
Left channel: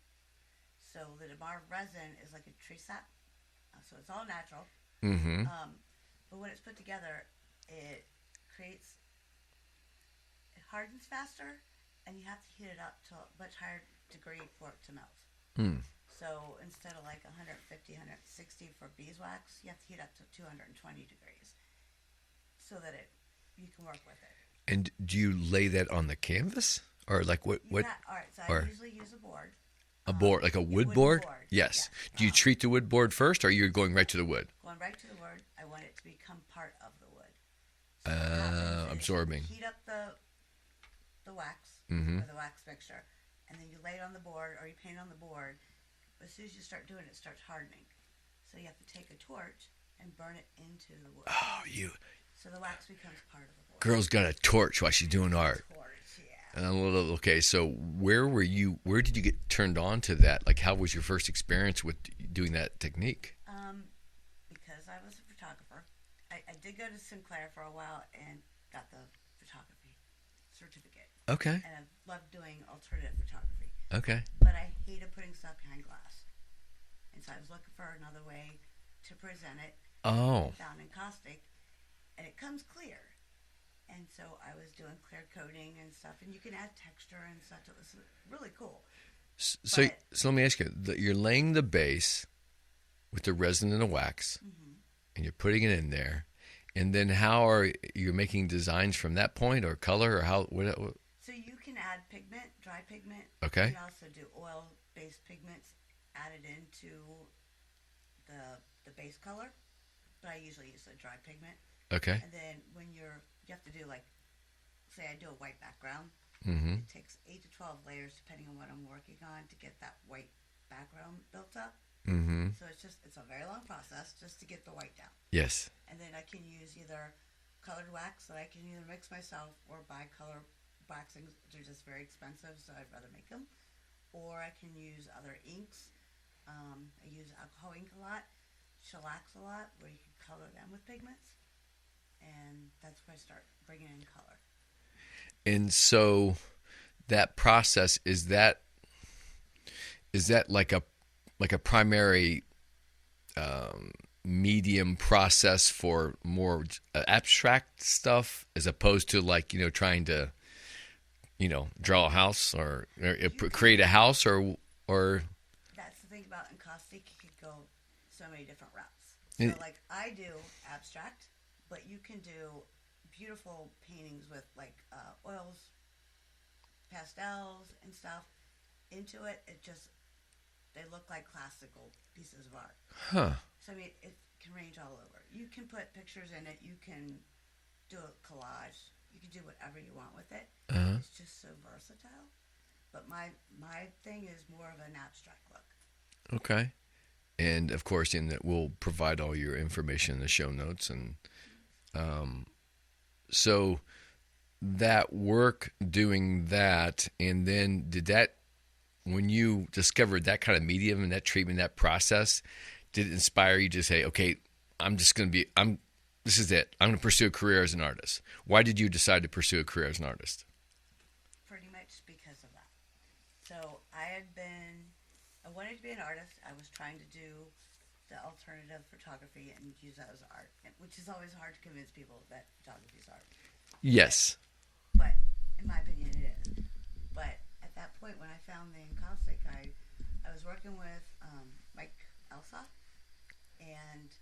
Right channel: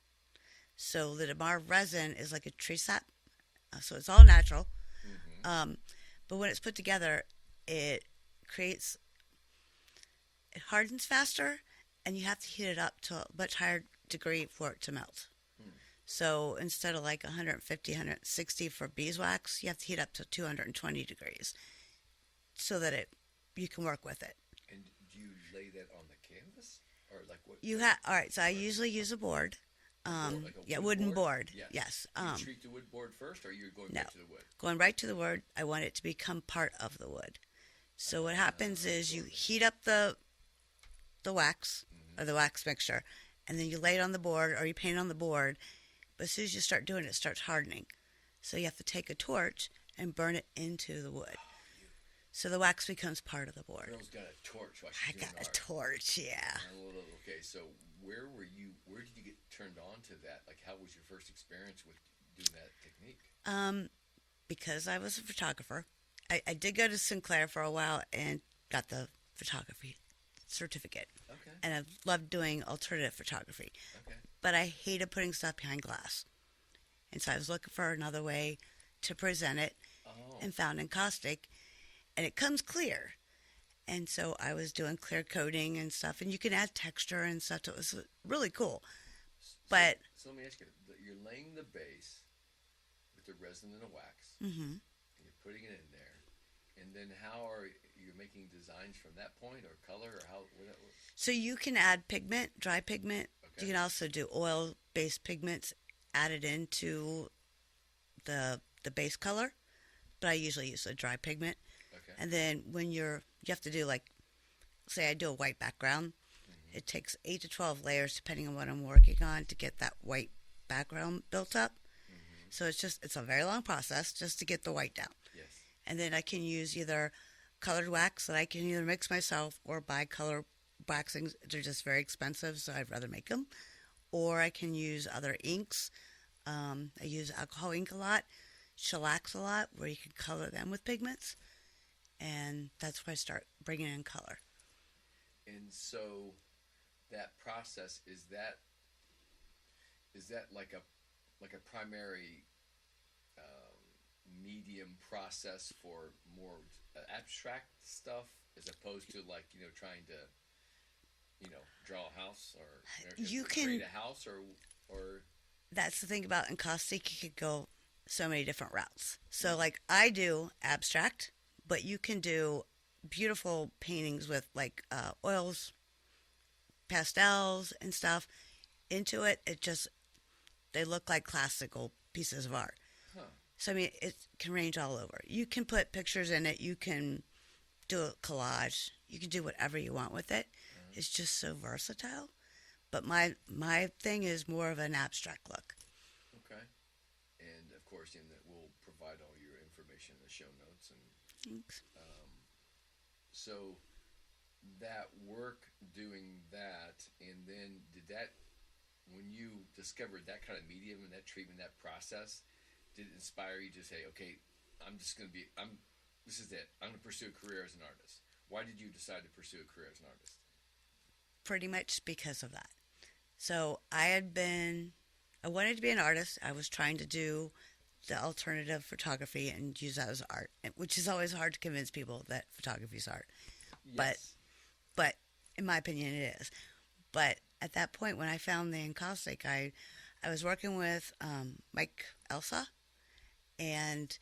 So the damar resin is like a tree sap, so it's all natural. Mm-hmm. But when it's put together, it hardens faster, and you have to heat it up to a much higher degree for it to melt. Hmm. So instead of like 150, 160 for beeswax, you have to heat up to 220 degrees so that you can work with it. And do you lay that on the canvas? Or like what? All right, so I usually use a board. A board, like a wood board? Yes. Do you treat the wood board first, or you're going right to the wood? Going right to the wood. I want it to become part of the wood. So what happens is you heat up the wax, or the wax mixture, and then you lay it on the board, or you paint it on the board. But as soon as you start doing it, it starts hardening. So you have to take a torch and burn it into the wood. Oh, So the wax becomes part of the board. Girl's got a torch while she's doing art. Torch, yeah. Okay, so where did you get turned on to that? Like, how was your first experience with doing that technique? Because I was a photographer. I did go to Sinclair for a while and got the photography certificate. Okay. And I loved doing alternative photography. Okay. But I hated putting stuff behind glass. And so I was looking for another way to present it. Oh. And found encaustic. And it comes clear. And so I was doing clear coating and stuff. And you can add texture and stuff. So it was really cool. So let me ask you. You're laying the base with the resin and the wax. Mm-hmm. And you're putting it in there. And then how are you making designs from that point, or color, or how? What? So you can add pigment, dry pigment. Okay. You can also do oil-based pigments added into the base color. but I usually use a dry pigment. Okay. And then when you have to do, like, say I do a white background, Mm-hmm. it takes 8 to 12 layers depending on what I'm working on to get that white background built up. Mm-hmm. So it's a very long process just to get the white down. Yes. And then I can use either colored wax that I can either mix myself or buy color waxings. They're just very expensive, so I'd rather make them. Or I can use other inks. I use alcohol ink a lot, shellacs a lot, where you can color them with pigments. And that's where I start bringing in color. And so that process, is that like a primary medium process for more abstract stuff, as opposed to, like, trying to draw a house or create a house, or That's the thing about Encaustic. You could go so many different routes. So, like, I do abstract, but you can do beautiful paintings with, like, oils, pastels, and stuff into it. They look like classical pieces of art. huh? So, I mean, it can range all over. You can put pictures in it. You can do a collage. You can do whatever you want with it. Uh-huh. It's just so versatile. But my thing is more of an abstract look. Okay. And of course, we'll provide all your information in the show notes. And so that work doing that, and then when you discovered that kind of medium and that treatment, that process, did it inspire you to say, okay, this is it. I'm going to pursue a career as an artist. Why did you decide to pursue a career as an artist? Pretty much because of that. So I wanted to be an artist. I was trying to do the alternative photography and use that as art, which is always hard to convince people that photography is art. Yes. But in my opinion, it is. But at that point, when I found the Encaustic, I was working with Mike Elsa, and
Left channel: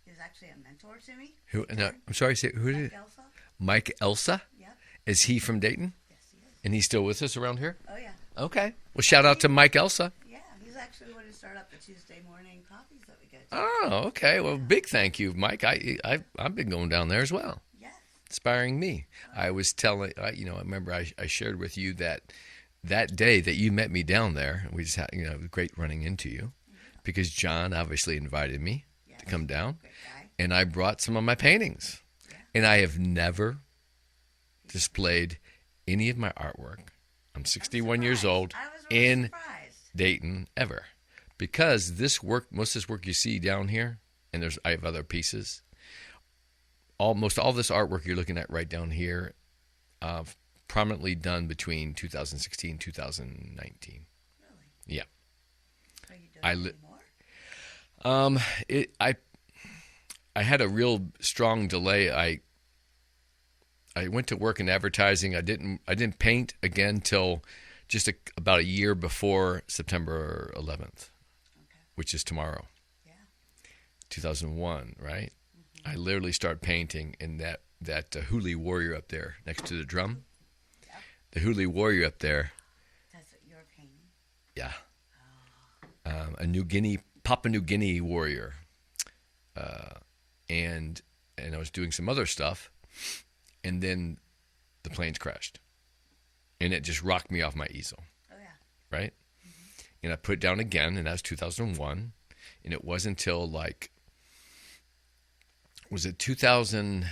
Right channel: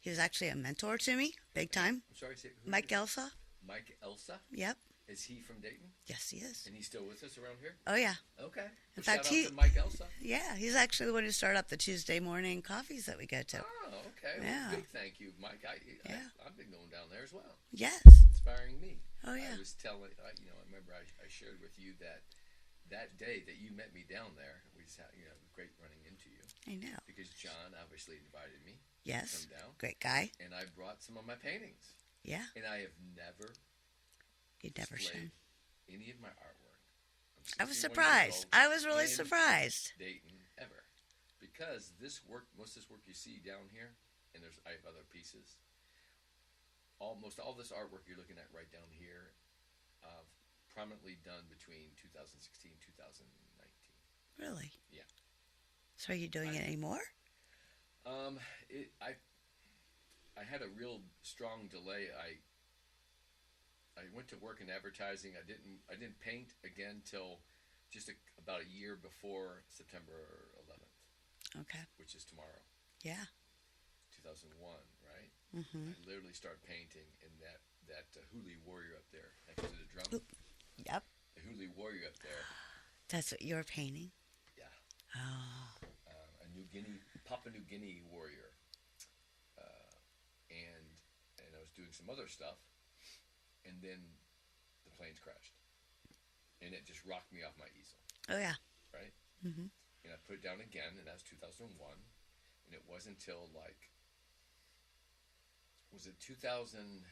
he was actually a mentor to me. Who? No, I'm sorry. Who? Mike Elsa. Mike Elsa? Yep. Is he from Dayton? Yes, he is. And he's still with us around here? Oh, yeah. Okay. Well, shout out to Mike Elsa. Yeah, he's actually the one who started up the Tuesday morning coffees that we go to. Oh, okay. Well, big thank you, Mike. I've been going down there as well. Yes. Inspiring me. Oh, yeah. I was telling, I remember I shared with you that day that you met me down there. We just had, great running into you. I know. Because John obviously invited me to come down. Great guy. And I brought some of my paintings. Yeah. And I have never displayed any of my artwork. I'm 61 years old. I was really in surprised. Dayton ever, because most of this work you see down here, and I have other pieces. Almost all this artwork you're looking at right down here, prominently done between 2016 and 2019. Really? Yeah. So are you doing it anymore? I had a real strong delay. I went to work in advertising. I didn't paint again till just about a year before September 11th. Okay. Which is tomorrow. Yeah. 2001, right? Mm-hmm. I literally started painting in that Huli warrior up there next to the drum. Yep. The Huli warrior up there. That's what you're painting? Yeah. Oh. A Papua New Guinea warrior. And I was doing some other stuff. And then the planes crashed. And it just rocked me off my easel. Oh, yeah. Right? Mm-hmm. And I put it down again, and that was 2001. And it wasn't until, was it 2000?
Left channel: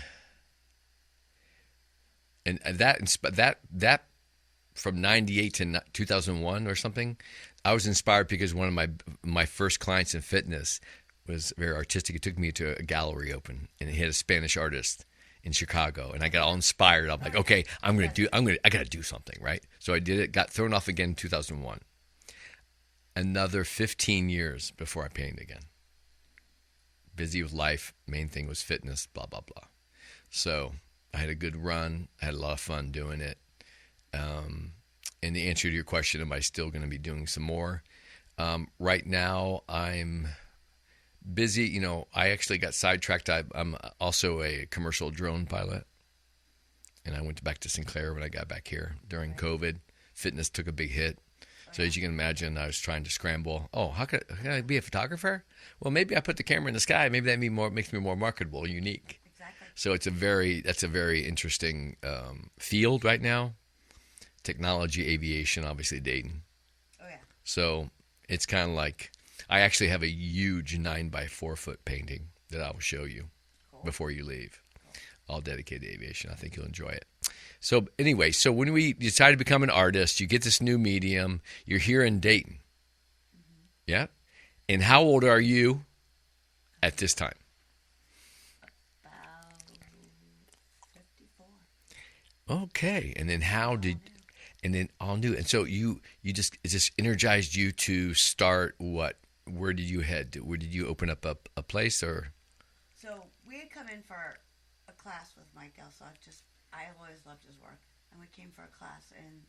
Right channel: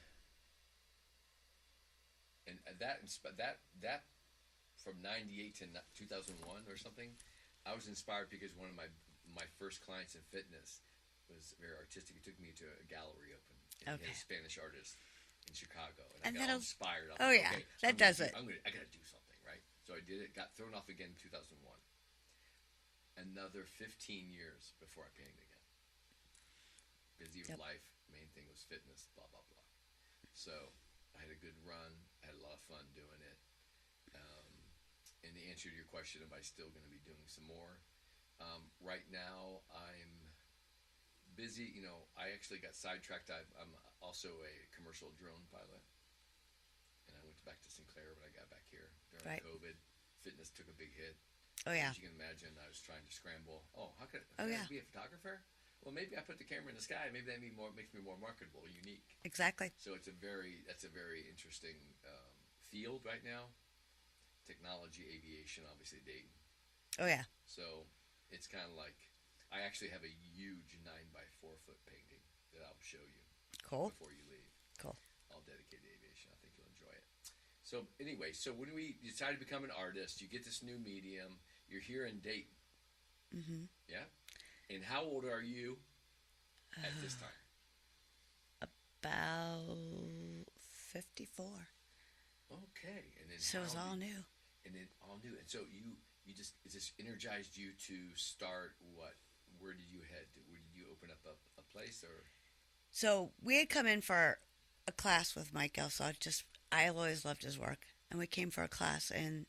And that from 98 to 2001 or something, I was inspired because one of my first clients in fitness was very artistic. It took me to a gallery open, and he had a Spanish artist in Chicago, and I got all inspired. I'm like, okay, I gotta do something, right? So I did it. Got thrown off again in 2001. Another 15 years before I painted again. Busy with life. Main thing was fitness. Blah blah blah. So I had a good run. I had a lot of fun doing it. And the answer to your question, am I still going to be doing some more? Right now, I'm busy. I actually got sidetracked. I'm also a commercial drone pilot, and I went back to Sinclair when I got back here during COVID. Fitness took a big hit. As you can imagine, I was trying to scramble. Oh, how could I be a photographer? Well, maybe I put the camera in the sky. Maybe that makes me more marketable, unique. Exactly. So that's a very interesting field right now. Technology, aviation, obviously Dayton. Oh yeah. So it's kind of like I actually have a huge 9 by 4 foot painting that I will show you before you leave. Cool. All dedicated to aviation. I think you'll enjoy it. So anyway, so when we decide to become an artist, you get this new medium. You're here in Dayton. Mm-hmm. Yeah. And how old are you at this time? About 54. Okay. And then all new. And so it just energized you to start what? Where did you head? Where did you open up a place or? So we had come in for a class with Mike Elsaw. I always loved his work. And we came for a class and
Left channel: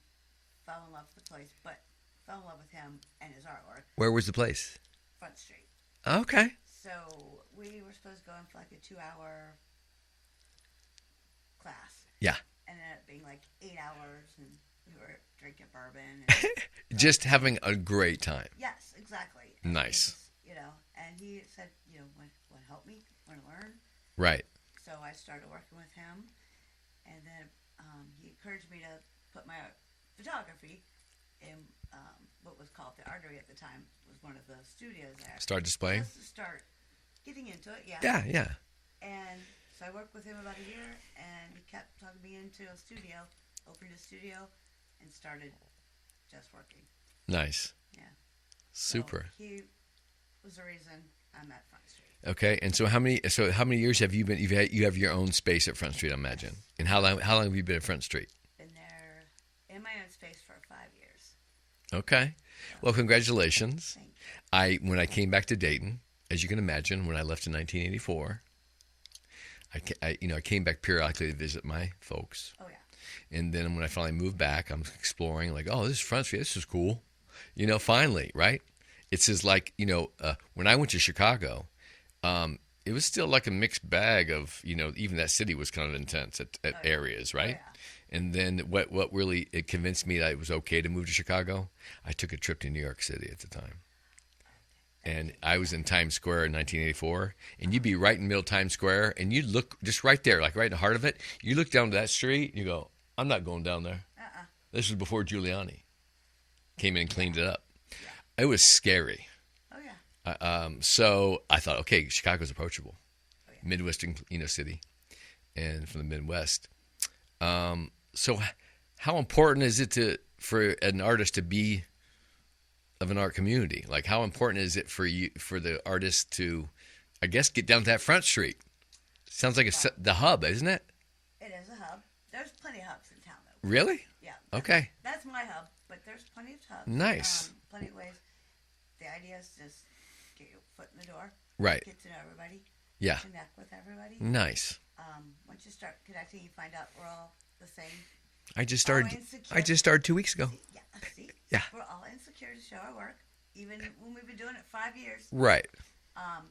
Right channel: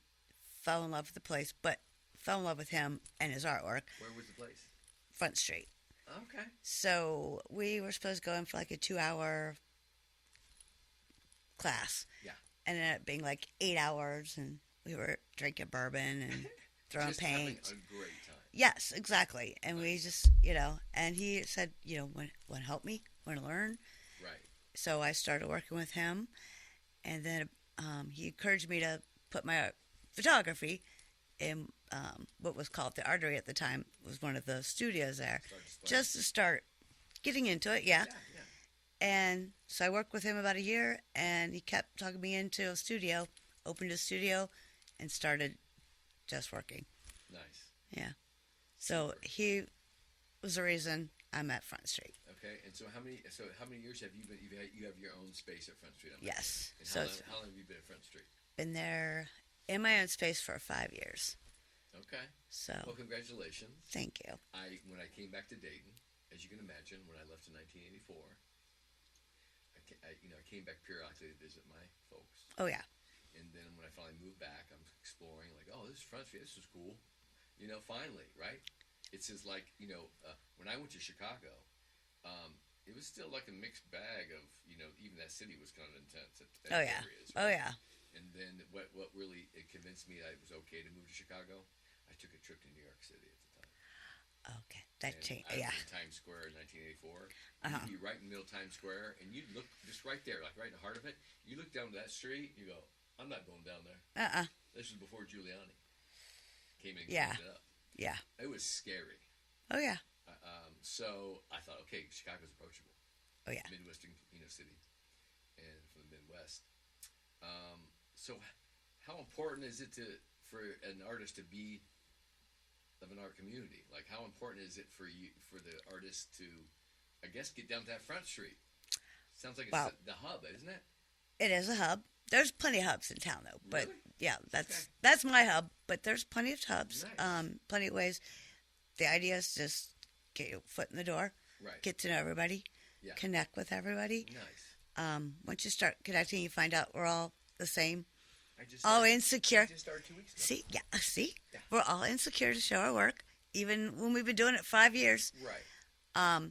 fell in love with the place, but fell in love with him and his artwork. Where was the place? Front Street. Okay. So we were supposed to go in for like a 2-hour class. Yeah. And it ended up being like 8 hours, and we were drinking bourbon. And just having a great time. Yes, exactly. And nice. We just, and he said, want to help me? Want to learn? Right. So I started working with him, and then he encouraged me to put my photography in what was called the Darty at the time. It was one of the studios there. Start displaying? Just to start getting into it, yeah. Yeah, yeah. And so I worked with him about a year, and he kept talking me into a studio, opened a studio, and started just working. Nice. Yeah. Super. So he was the reason I'm at Front Street. Okay, and so how many years have you been? You have your own space at Front Street, I imagine. Yes. And how long have you been at Front Street? Been there in my own space for 5 years. Okay. So, well, congratulations. Thank you. When I came back to Dayton, as you can imagine, when I left in 1984, I came back periodically to visit my folks. Oh yeah. And then when I finally moved back, I'm exploring like, oh, this is Front Street. This is cool. Finally, right? It's just like, when I went to Chicago, it was still like a mixed bag of, even that city was kind of intense at areas, right? Oh, yeah. And then what really it convinced me that it was okay to move to Chicago, I took a trip to New York City at the time. And I was in Times Square in 1984, and you'd be right in the middle of Times Square, and you'd look just right there, like right in the heart of it. You look down to that street, and you go, I'm not going down there. This was before Giuliani came in and cleaned it up. Yeah. It was scary. Oh, yeah. So I thought, okay, Chicago's approachable. Oh, yeah. Midwestern, city, and from the Midwest. So how important is it for an artist to be of an art community? Like, how important is it for the artist to, I guess, get down to that Front Street? Sounds like the hub, isn't it? It is a hub. There's plenty of hubs in town, though. Really? Yeah. Okay. That's my hub, but there's plenty of hubs. Nice. Plenty of ways. The idea is just get your foot in the door. Right. Get to know everybody. Yeah. Connect with everybody. Nice. Once you start connecting, you find out we're all the same. I just started. Insecure. I just started 2 weeks ago. See? Yeah. We're all insecure to show our work, even when we've been doing it 5 years. Right. But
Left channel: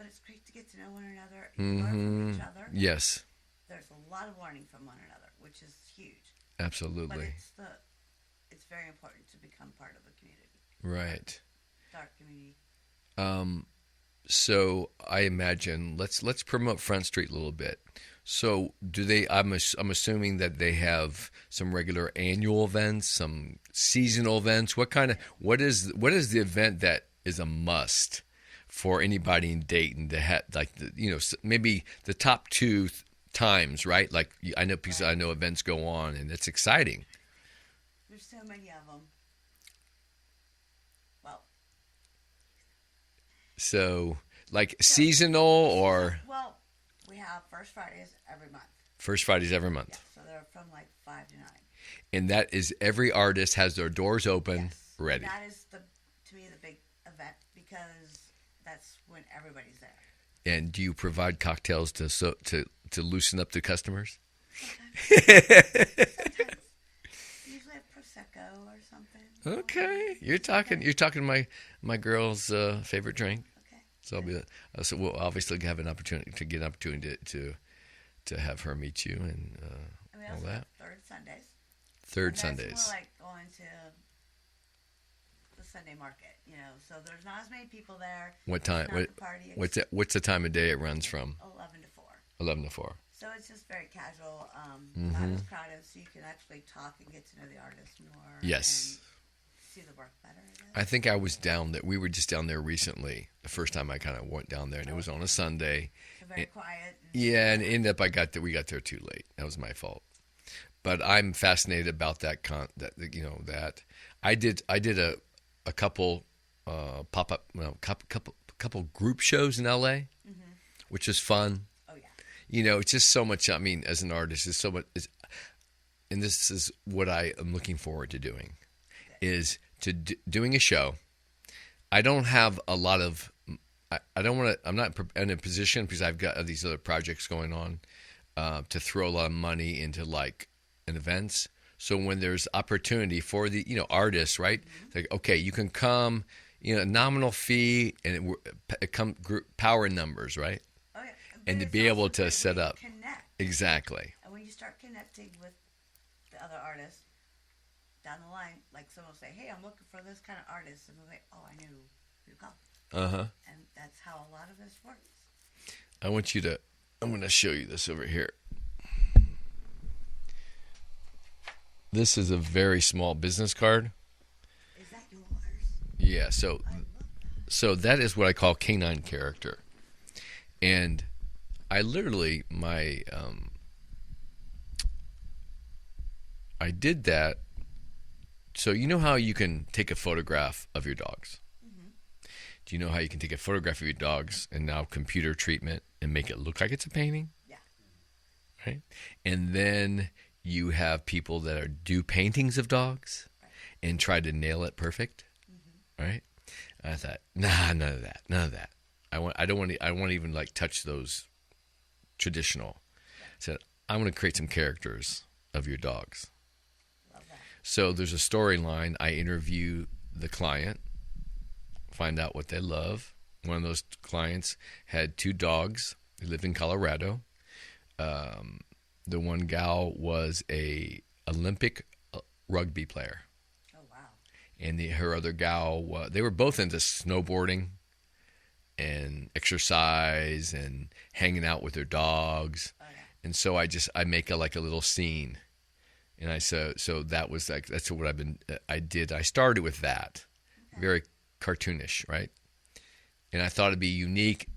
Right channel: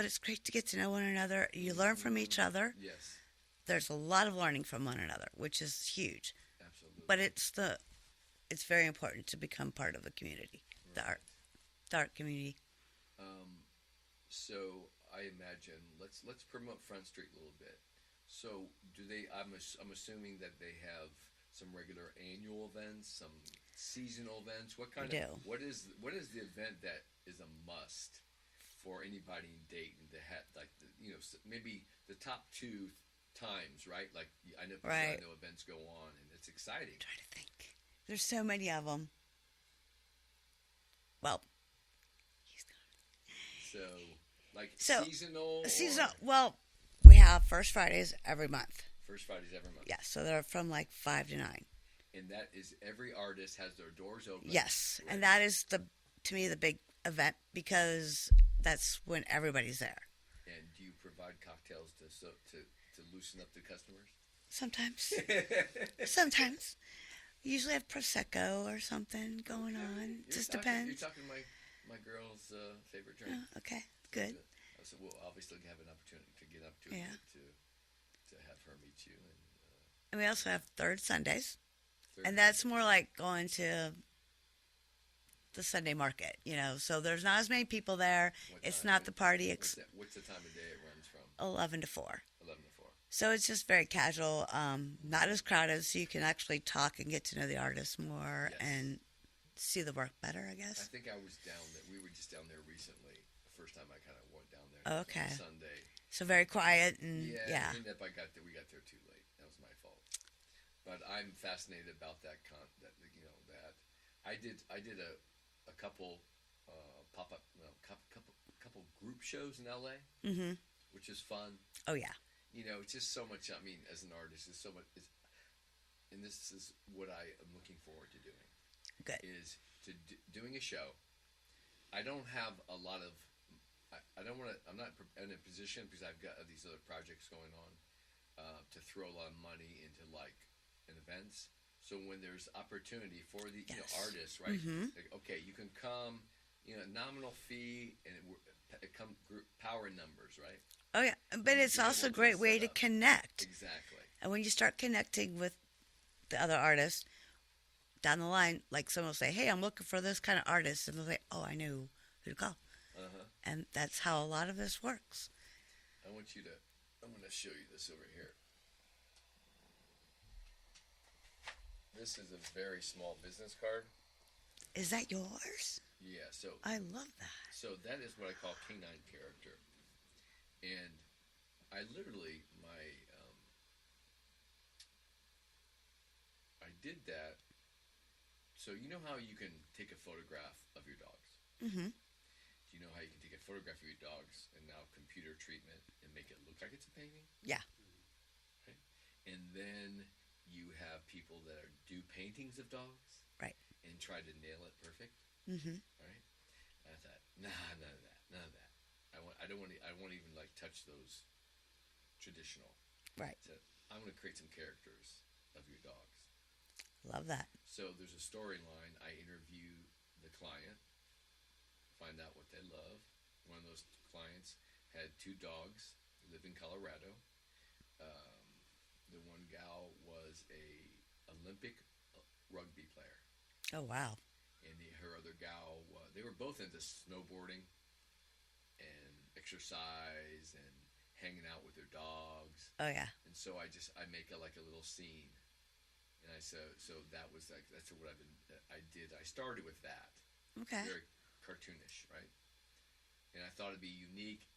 it's great to get to know one another. You learn from each other. Yes. There's a lot of learning from one another, which is huge. Absolutely. But it's very important to become part of a community. Right. The art community. So I imagine let's promote Front Street a little bit. So do they? I'm assuming that they have some regular annual events, some seasonal events. What is the event that is a must for anybody in Dayton to have? Like maybe the top two times, right? Like I know because I know events go on and it's exciting. There's so many of them. Well. So seasonal or well. We have First Fridays every month. First Fridays every month. Yeah, so they're from like 5 to 9. And that is every artist has their doors open. Yes, ready. And that is to me the big event because that's when everybody's there. And do you provide cocktails to loosen up the customers? Sometimes. Sometimes. We usually have prosecco or something. Okay, you're talking my girl's favorite drink. Okay. So we'll obviously have an opportunity to have her meet you and we also have third Sundays. And that's more like going to the Sunday market, so there's not as many people there. What time? It's not the party. What's the time of day it runs from? 11 to 4. 11 to 4. So it's just very casual, not as crowded, so you can actually talk and get to know the artist more. Yes. And see the work better, I guess. I think I was down there. We were just down there recently. The first time I kind of went down there, and it was on a Sunday. So very quiet. And, and ended up we got there too late. That was my fault. But I'm fascinated about that. That I did a couple pop-up, couple group shows in LA, which is fun. Oh yeah. It's just so much. I mean, as an artist, it's so much. And this is what I am looking forward to doing. Good. Is to doing a show. I don't have a lot of. I don't want to. I'm not in a position because I've got these other projects going on to throw a lot of money into like an events. So when there's opportunity for the artists, right? Like, okay, you can come, nominal fee, and it come group power in numbers, right? Oh yeah, but and it's to be also able a to great set way up. to connect. Exactly. And when you start connecting with the other artists down the line, like someone will say, "Hey, I'm looking for this kind of artist," and they'll say, "Oh, I know who to call." And that's how a lot of this works. I'm going to show you this over here. This is a very small business card. Is that yours? Yeah, so I love that. So that is what I call canine character. And I literally I did that. So you know how you can take a photograph of your dogs? Mm-hmm. Do you know how you can take a photograph of your dogs and now computer treatment and make it look like it's a painting? Yeah. Right? And then you have people that do paintings of dogs, right, and try to nail it perfect, right? And I thought, nah, none of that. I don't want to even like touch those traditional. Right. So I want to create some characters of your dogs. Love that. So there's a storyline. I interview the client, find out what they love. One of those clients had 2 dogs. They lived in Colorado. The one gal was a Olympic rugby player. Oh, wow. And her other gal, they were both into snowboarding and exercise and hanging out with their dogs. Oh, yeah. And so I make a little scene. And so that was like, that's what I did. I started with that. Okay. Very cartoonish, right? And I thought it'd be unique,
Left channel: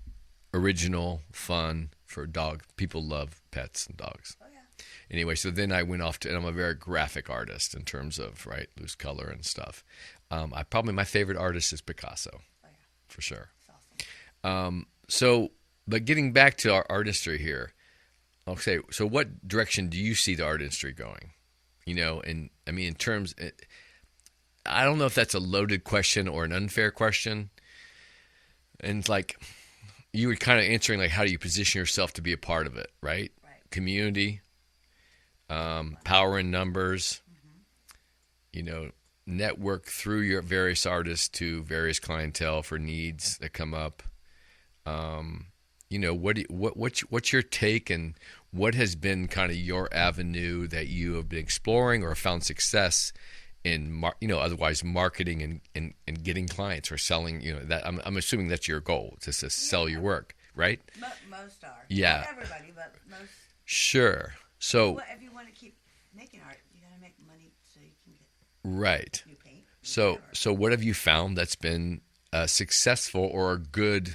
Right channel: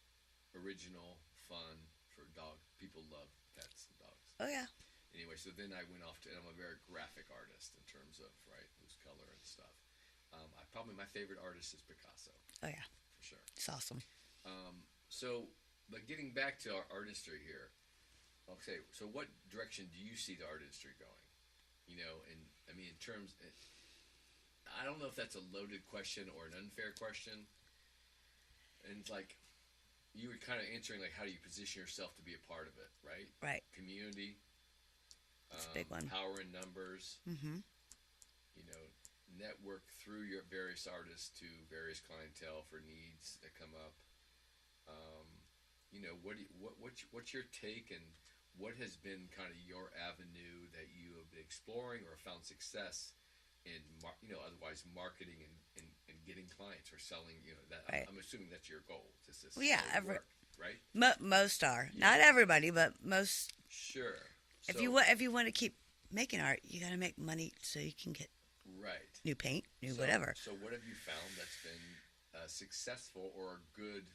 original, fun for dog. People love pets and dogs. Oh, yeah. Anyway, so then I went off and I'm a very graphic artist in terms of, right, loose color and stuff. My favorite artist is Picasso. Oh, yeah. For sure. It's awesome. But getting back to our artistry here, okay, so what direction do you see the art industry going? And I mean, in terms, I don't know if that's a loaded question or an unfair question. And like, you were kind of answering like, how do you position yourself to be a part of it, right? Right. Community, power in numbers, network through your various artists to various clientele for needs that come up. What's your take, and what has been kind of your avenue that you have been exploring or found success in, otherwise marketing and getting clients or selling, that I'm assuming that's your goal, just to sell your work, right? Most are. Yeah. Not everybody, but most. Sure. So if you want to keep making art, you got to make money so you can get new paint, whatever. So what have you found that's been successful or a good,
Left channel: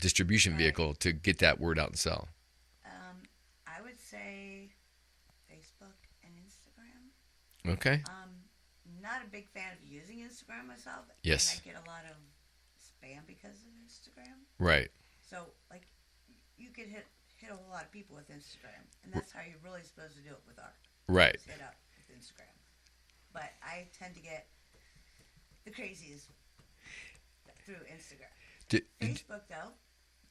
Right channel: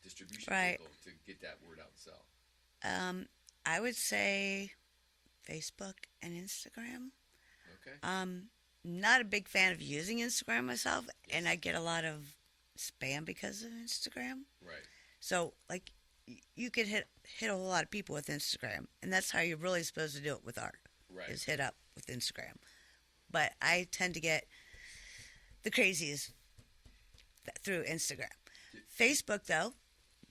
distribution vehicle to get that word out and sell? I would say Facebook and Instagram. Okay. Not a big fan of using Instagram myself. Yes. And I get a lot of spam because of Instagram. Right. So, like, you could hit a whole lot of people with Instagram, and that's how you're really supposed to do it with art. Right. Just hit up with Instagram. But I tend to get the crazies through Instagram. Facebook, though,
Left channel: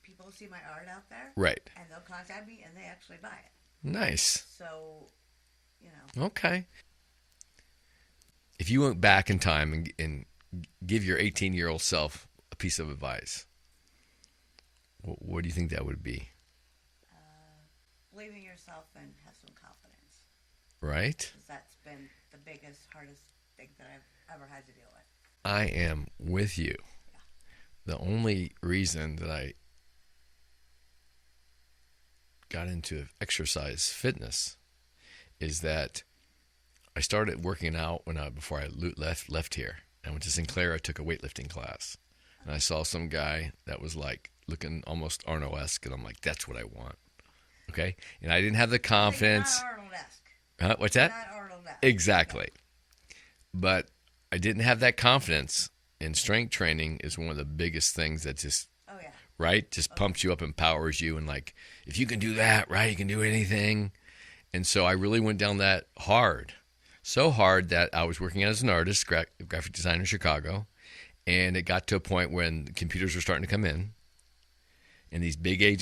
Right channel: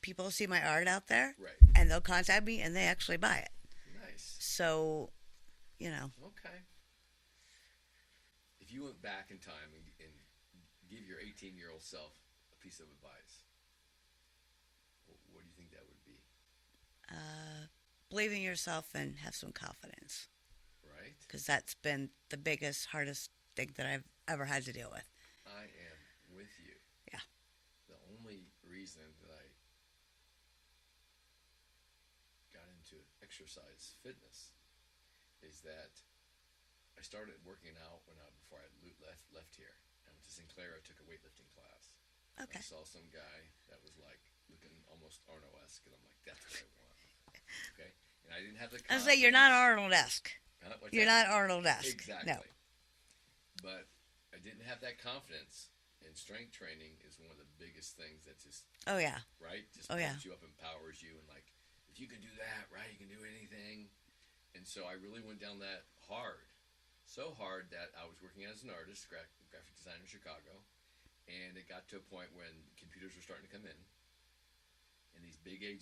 people see my art out there. Right. And they'll contact me, and they actually buy it. Nice. So, Okay. If you went back in time and give your 18-year-old self a piece of advice, what do you think that would be? Believe in yourself and have some confidence. Right. Because that's been the biggest, hardest think that I've ever had to deal with. I am with you. Yeah. The only reason that I got into exercise fitness is that I started working out before I left here. I went to Sinclair. I took a weightlifting class, and I saw some guy that was like looking almost Arnold-esque, and I'm like, that's what I want. Okay, and I didn't have the confidence. You're not Arnold-esque. What's You're that? not Arnold-esque. Exactly. No. But I didn't have that confidence. And strength training is one of the biggest things that just, oh yeah, right, just pumps you up, empowers you, and like, if you can do that, right, you can do anything. And so I really went down that hard, so hard that I was working as an artist, graphic designer in Chicago, and it got to a point when computers were starting to come in, and these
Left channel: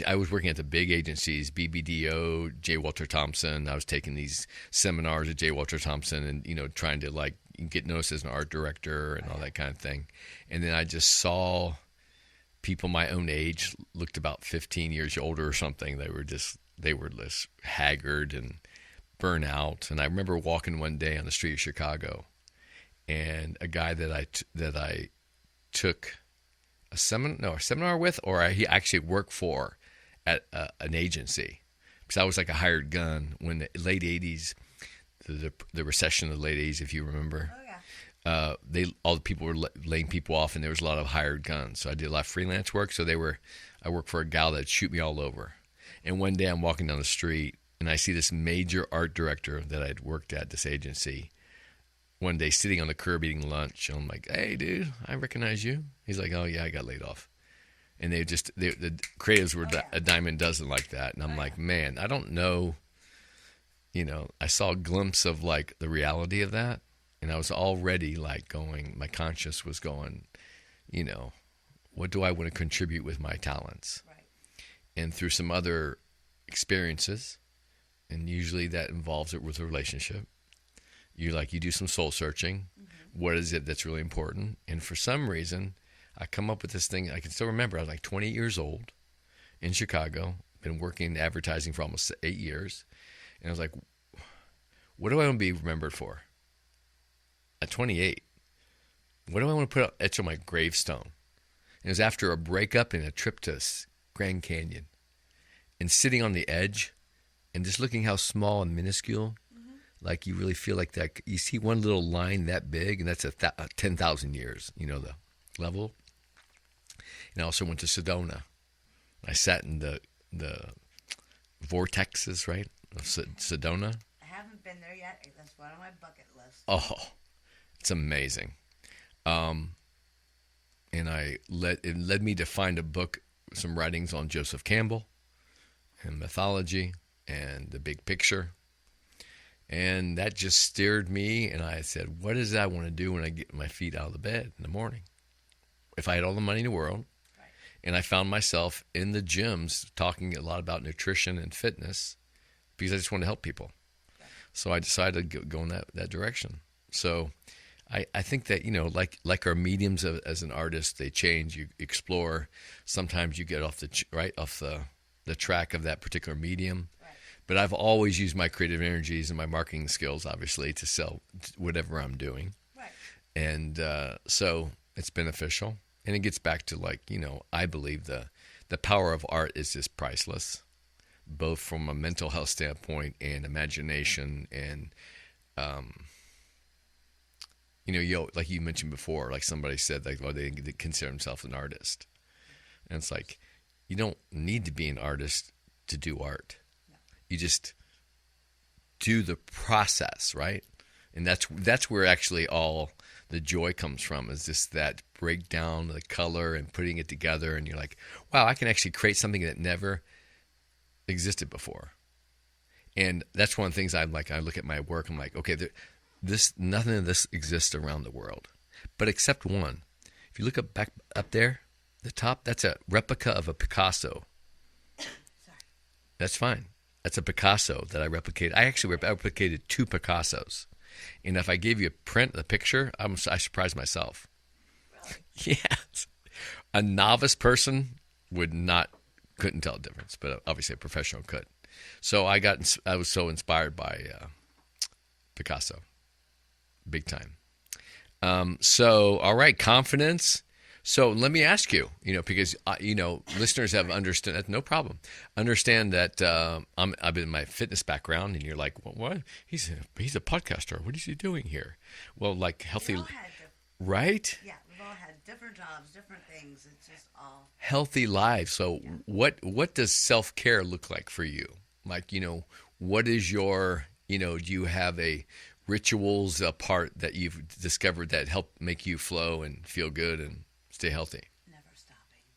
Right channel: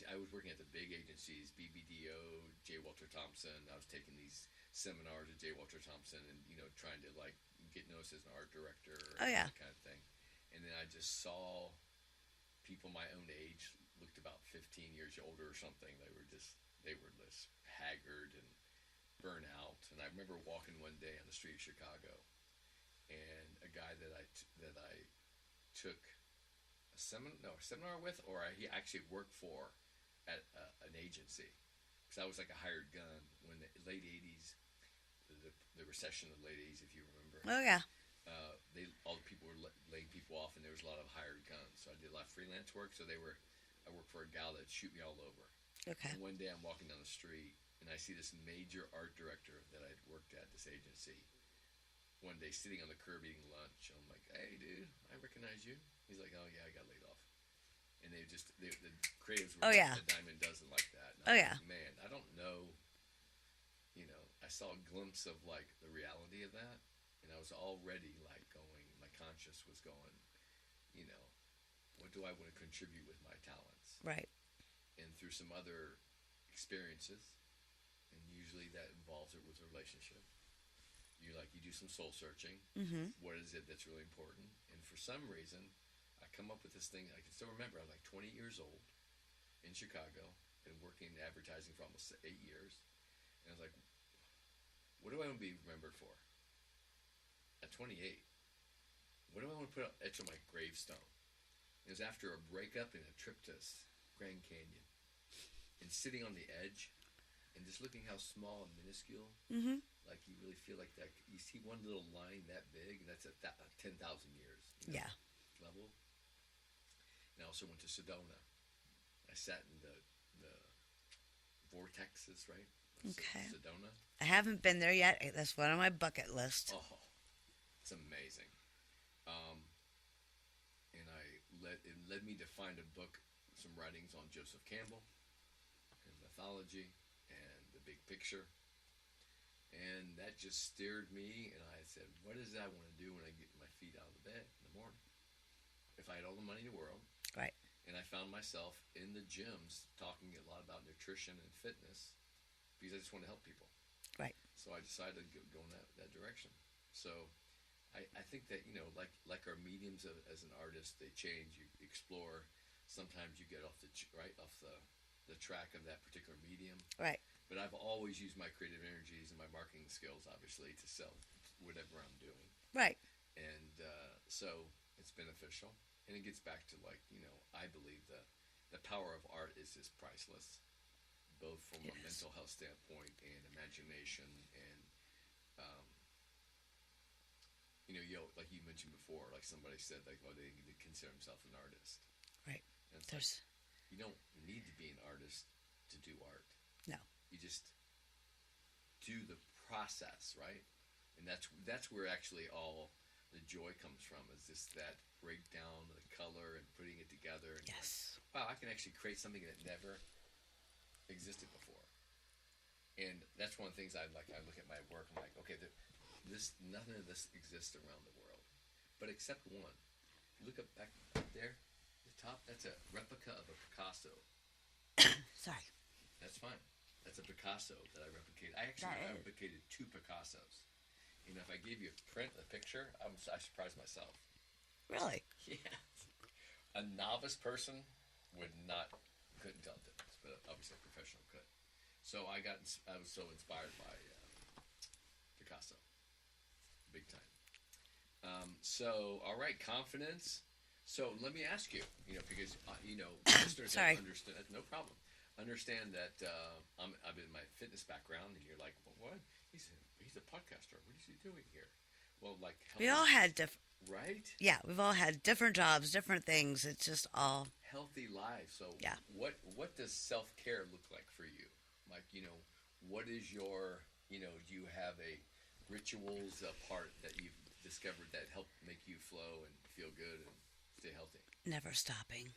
I was working at the big agencies, BBDO, J. Walter Thompson. I was taking these seminars at J. Walter Thompson, and trying to like get noticed as an art director and all that kind of thing. And then I just saw people my own age, looked about 15 years older or something. They were just haggard and burnt out. And I remember walking one day on the street of Chicago, and a guy that I took a seminar with, or he actually worked for at an agency, because I was like a hired gun when the late 80s, the recession of the late 80s, if you remember. Oh yeah. All the people were laying people off, and there was a lot of hired guns. So I did a lot of freelance work. So I worked for a gal that'd shoot me all over. Okay. And one day I'm walking down the street, and I see this major art director that I'd worked at this agency one day sitting on the curb eating lunch. And I'm like, hey, dude, I recognize you. He's like, oh yeah, I got laid off. And the creatives were a dime a dozen like that. And I'm like, man, I don't know. I saw a glimpse of like the reality of that. And I was already like my conscience was going, what do I want to contribute with my talents? Right. And through some other experiences, and usually that involves it with a relationship, you do some soul searching. Mm-hmm. What is it that's really important? And for some reason, I come up with this thing. I can still remember, I was like 28 years old in Chicago, been working in advertising for almost 8 years. And I was like, what do I want to be remembered for? At 28, what do I want to etch on my gravestone? And it was after a breakup and a trip to Grand Canyon, and sitting on the edge and just looking how small and minuscule, mm-hmm. like you really feel like that. You see one little line that big, and that's 10,000 years, the level. And I also went to Sedona. I sat in the vortexes, right, of Sedona. I haven't been there yet. That's one on my bucket list. Oh, it's amazing. And it led me to find a book, some writings on Joseph Campbell and mythology and the big picture. And that just steered me, and I said, what is it I want to do when I get my feet out of the bed in the morning? If I had all the money in the world, right. And I found myself in the gyms talking a lot about nutrition and fitness because I just wanted to help people. Right. So I decided to go in that direction. So I think that, like our mediums as an artist, they change, you explore. Sometimes you get off the track of that particular medium. Right. But I've always used my creative energies and my marketing skills, obviously, to sell whatever I'm doing. Right. And so it's beneficial. And it gets back to I believe the power of art is just priceless, both from a mental health standpoint and imagination and, like you mentioned before, like somebody said, they consider themselves an artist. Right. And it's like, you don't need to be an artist to do art. No. You just do the process, right? And that's where actually all the joy comes from, is just that breakdown, the color and putting it together. And you're like, wow, I can actually create something that never existed before. And that's one of the things I like. I look at my work, I'm like, okay, nothing of this exists around the world, but except one. If you look back up there, the top, that's a replica of a Picasso. Sorry. That's fine. That's a Picasso that I replicated. I actually replicated 2 Picassos. And if I gave you a print of the picture, I surprised myself. Really? Yes. A novice person couldn't tell the difference, but obviously a professional could. So I was so inspired by Picasso, big time. So, all right, confidence. So let me ask you, because listeners have Sorry. understood. No problem. Understand that I've been in my fitness background, and you're like, well, what? He's a podcaster. What is he doing here? Well, like We healthy, all had different. right? Yeah, we've all had different jobs, different things. It's just all. Healthy lives. So Yeah. what does self care look like for you? Like what is your do you have a rituals a part that you've discovered that help make you flow and feel good and stay healthy? Never stopping.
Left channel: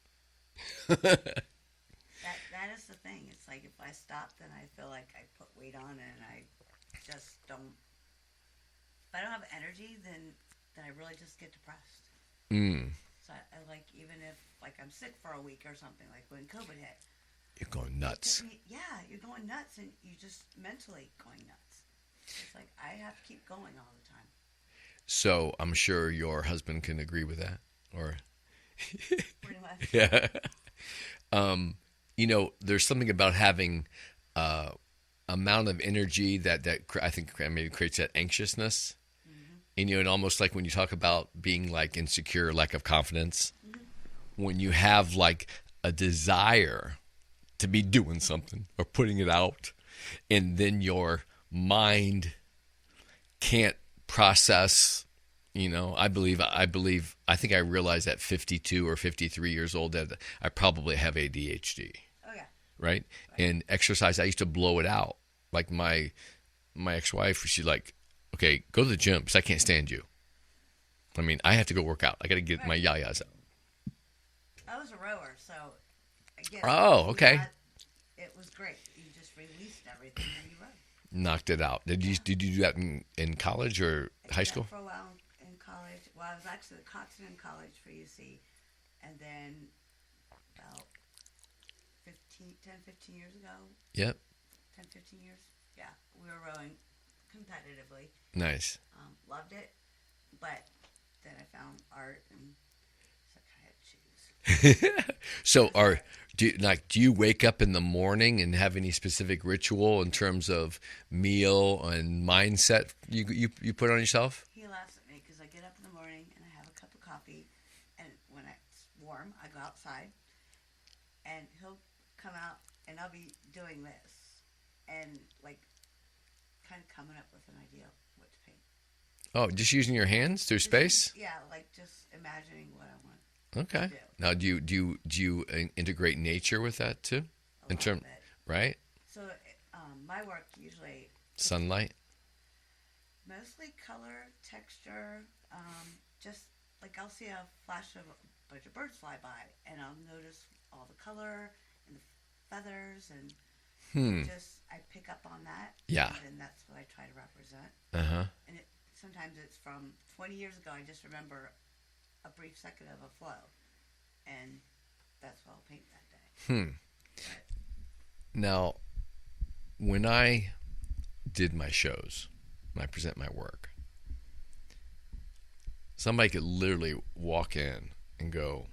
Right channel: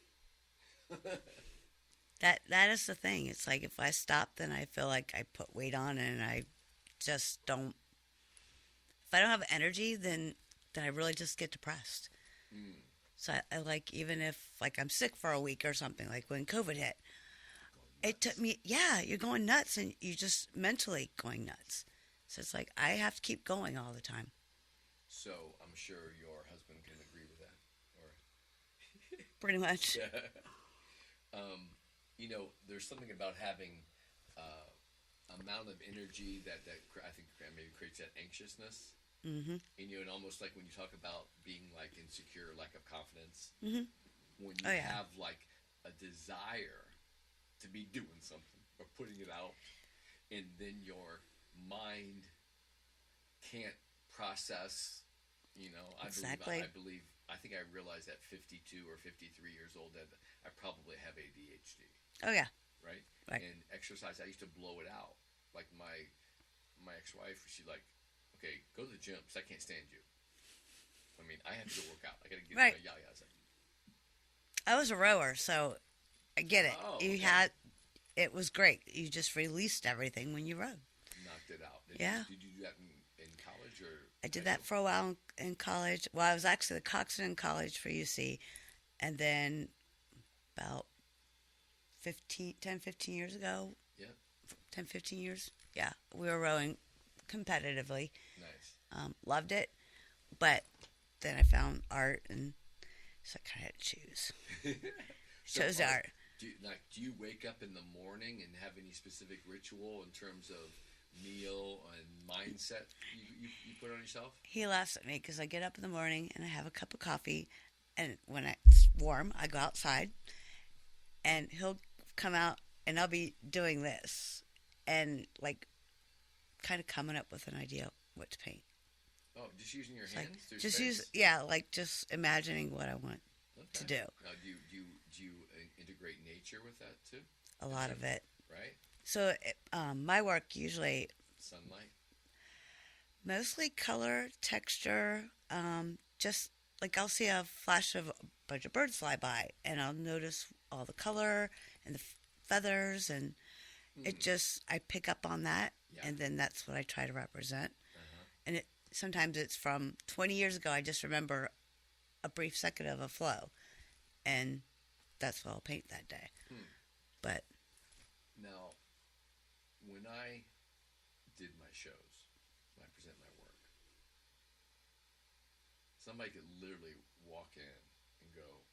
That is the thing. It's like if I stop, then I feel like I put weight on, and I just don't. If I don't have energy, then I really just get depressed. Mm. So I like even if like I'm sick for a week or something, like when COVID hit, You're going it nuts. took me. Yeah, you're going nuts, and you just mentally going nuts. So it's like I have to keep going all the time. So I'm sure your husband can agree with that, or Pretty much. yeah. There's something about having amount of energy that I think maybe creates that anxiousness. Mm-hmm. And almost like when you talk about being like insecure, lack of confidence, Mm-hmm. when you have like a desire to be doing something or putting it out, and then your mind can't process. I think I realized at 52 or 53 years old that I probably have ADHD. Oh yeah. Right? Right. And exercise, I used to blow it out. Like my ex-wife, she's like, okay, go to the gym because I can't stand you. I mean, I have to go work out. I got to get Right. my yayas out. I was a rower, so I get it. Oh, You okay. it was great. You just released everything when you rode. Knocked it out. Did Yeah. you do that in college or I did high that school? for a while in college. Well, I was actually the coxswain in college for UC, and then about 15 years ago, Yep. 10, 15 years, yeah, we were rowing competitively. Nice. Loved it, but then I found art, and so I kind of had to choose. So Chose art. do you wake up in the morning and have any specific ritual in terms of meal and mindset you put on yourself? He laughs at me because I get up in the morning and I have a cup of coffee, and when it's warm, I go outside, and he'll come out, and I'll be doing this, and like kind of coming up with an idea what to paint. Oh, just using your hands through Just space? yeah, like just imagining what I want Okay. to do. Now, do you integrate nature with that too? A lot of it. Right? So my work usually Sunlight. mostly color, texture, just like I'll see a flash of a bunch of birds fly by, and I'll notice all the color and the feathers, and it just I pick up on that, Yeah. and then that's what I try to represent. Uh-huh. And sometimes it's from 20 years ago. I just remember a brief second of a flow, and that's what I'll paint that day. But Now, when I did my shows, when I present my work, somebody could literally walk in and go,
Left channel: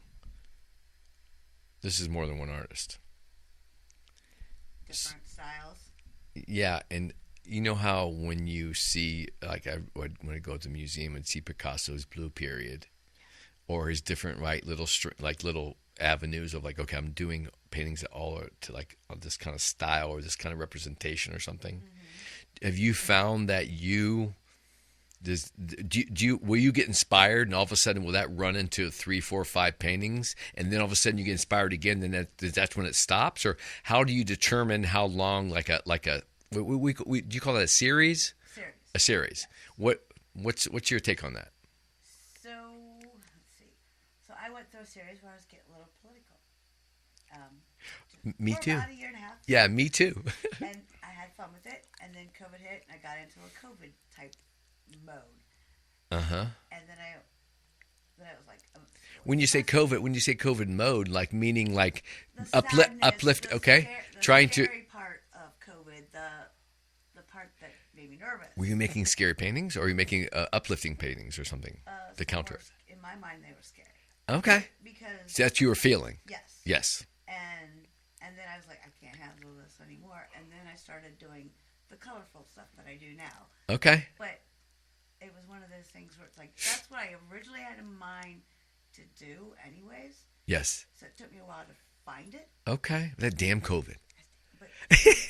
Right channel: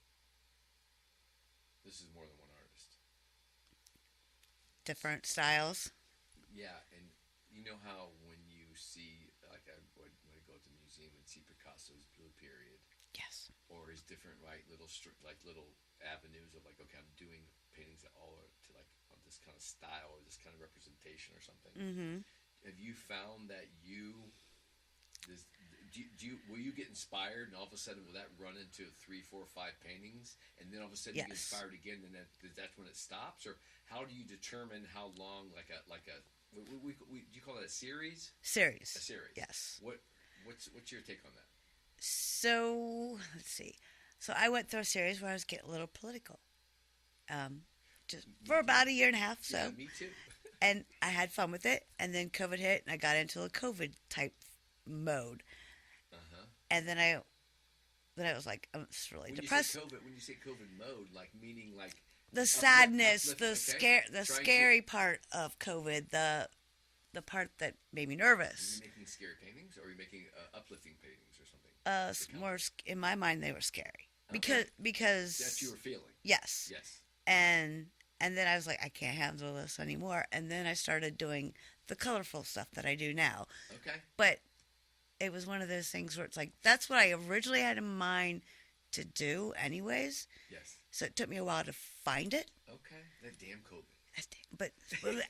this is more than one artist. different styles. Yeah, and you know how when you see, like when I go to the museum and see Picasso's Blue Period, Yes. or his different little avenues of like, okay, I'm doing paintings that all are to like this kind of style or this kind of representation or something. Mm-hmm. Have you found that will you get inspired and all of a sudden will that run into 3, 4, 5 paintings and then all of a sudden you get Yes. inspired again, then that's when it stops? Or how do you determine how long do you call that a series? Series. A series. Yes. What's your take on that? So let's see. So I went through a series where I was getting a little political. Just Me for too. about a year and a half. Yeah, me too. And I had fun with it, and then COVID hit, and I got into a COVID type mode. Uh-huh. And then I was like, oh, it's really When you say depressing. COVID mode, like meaning like The sadness, uplift, the okay? the scary part of COVID, the part that made me nervous. Were you making scary paintings, or were you making uplifting paintings or something? The some counter. were in my mind, they were scary. Okay. Because That's you were feeling. yes. Yes. And then I was like, I can't handle this anymore. And then I started doing the colorful stuff that I do now. Okay. But it was one of those things where it's like, that's what I originally had in mind to do anyways. Yes. So it took me a while to find it. Okay. That damn COVID. But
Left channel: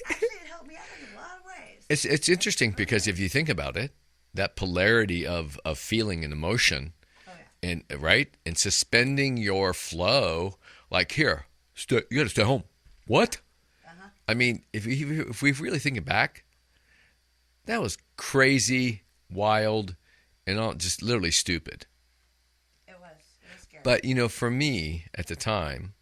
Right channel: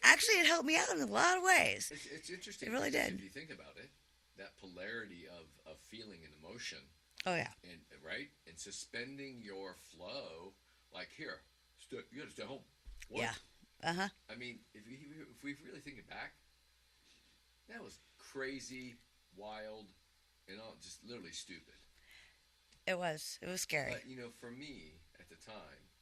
actually, it helped me out in a lot of ways. It's interesting It really because did. if you think about it, that polarity of feeling and emotion, Oh, yeah. and right, and suspending your flow, like here, you got to stay home. What? Uh-huh. I mean, if we really think it back, that was crazy, wild, and all just literally stupid. It was scary. But for me at the time,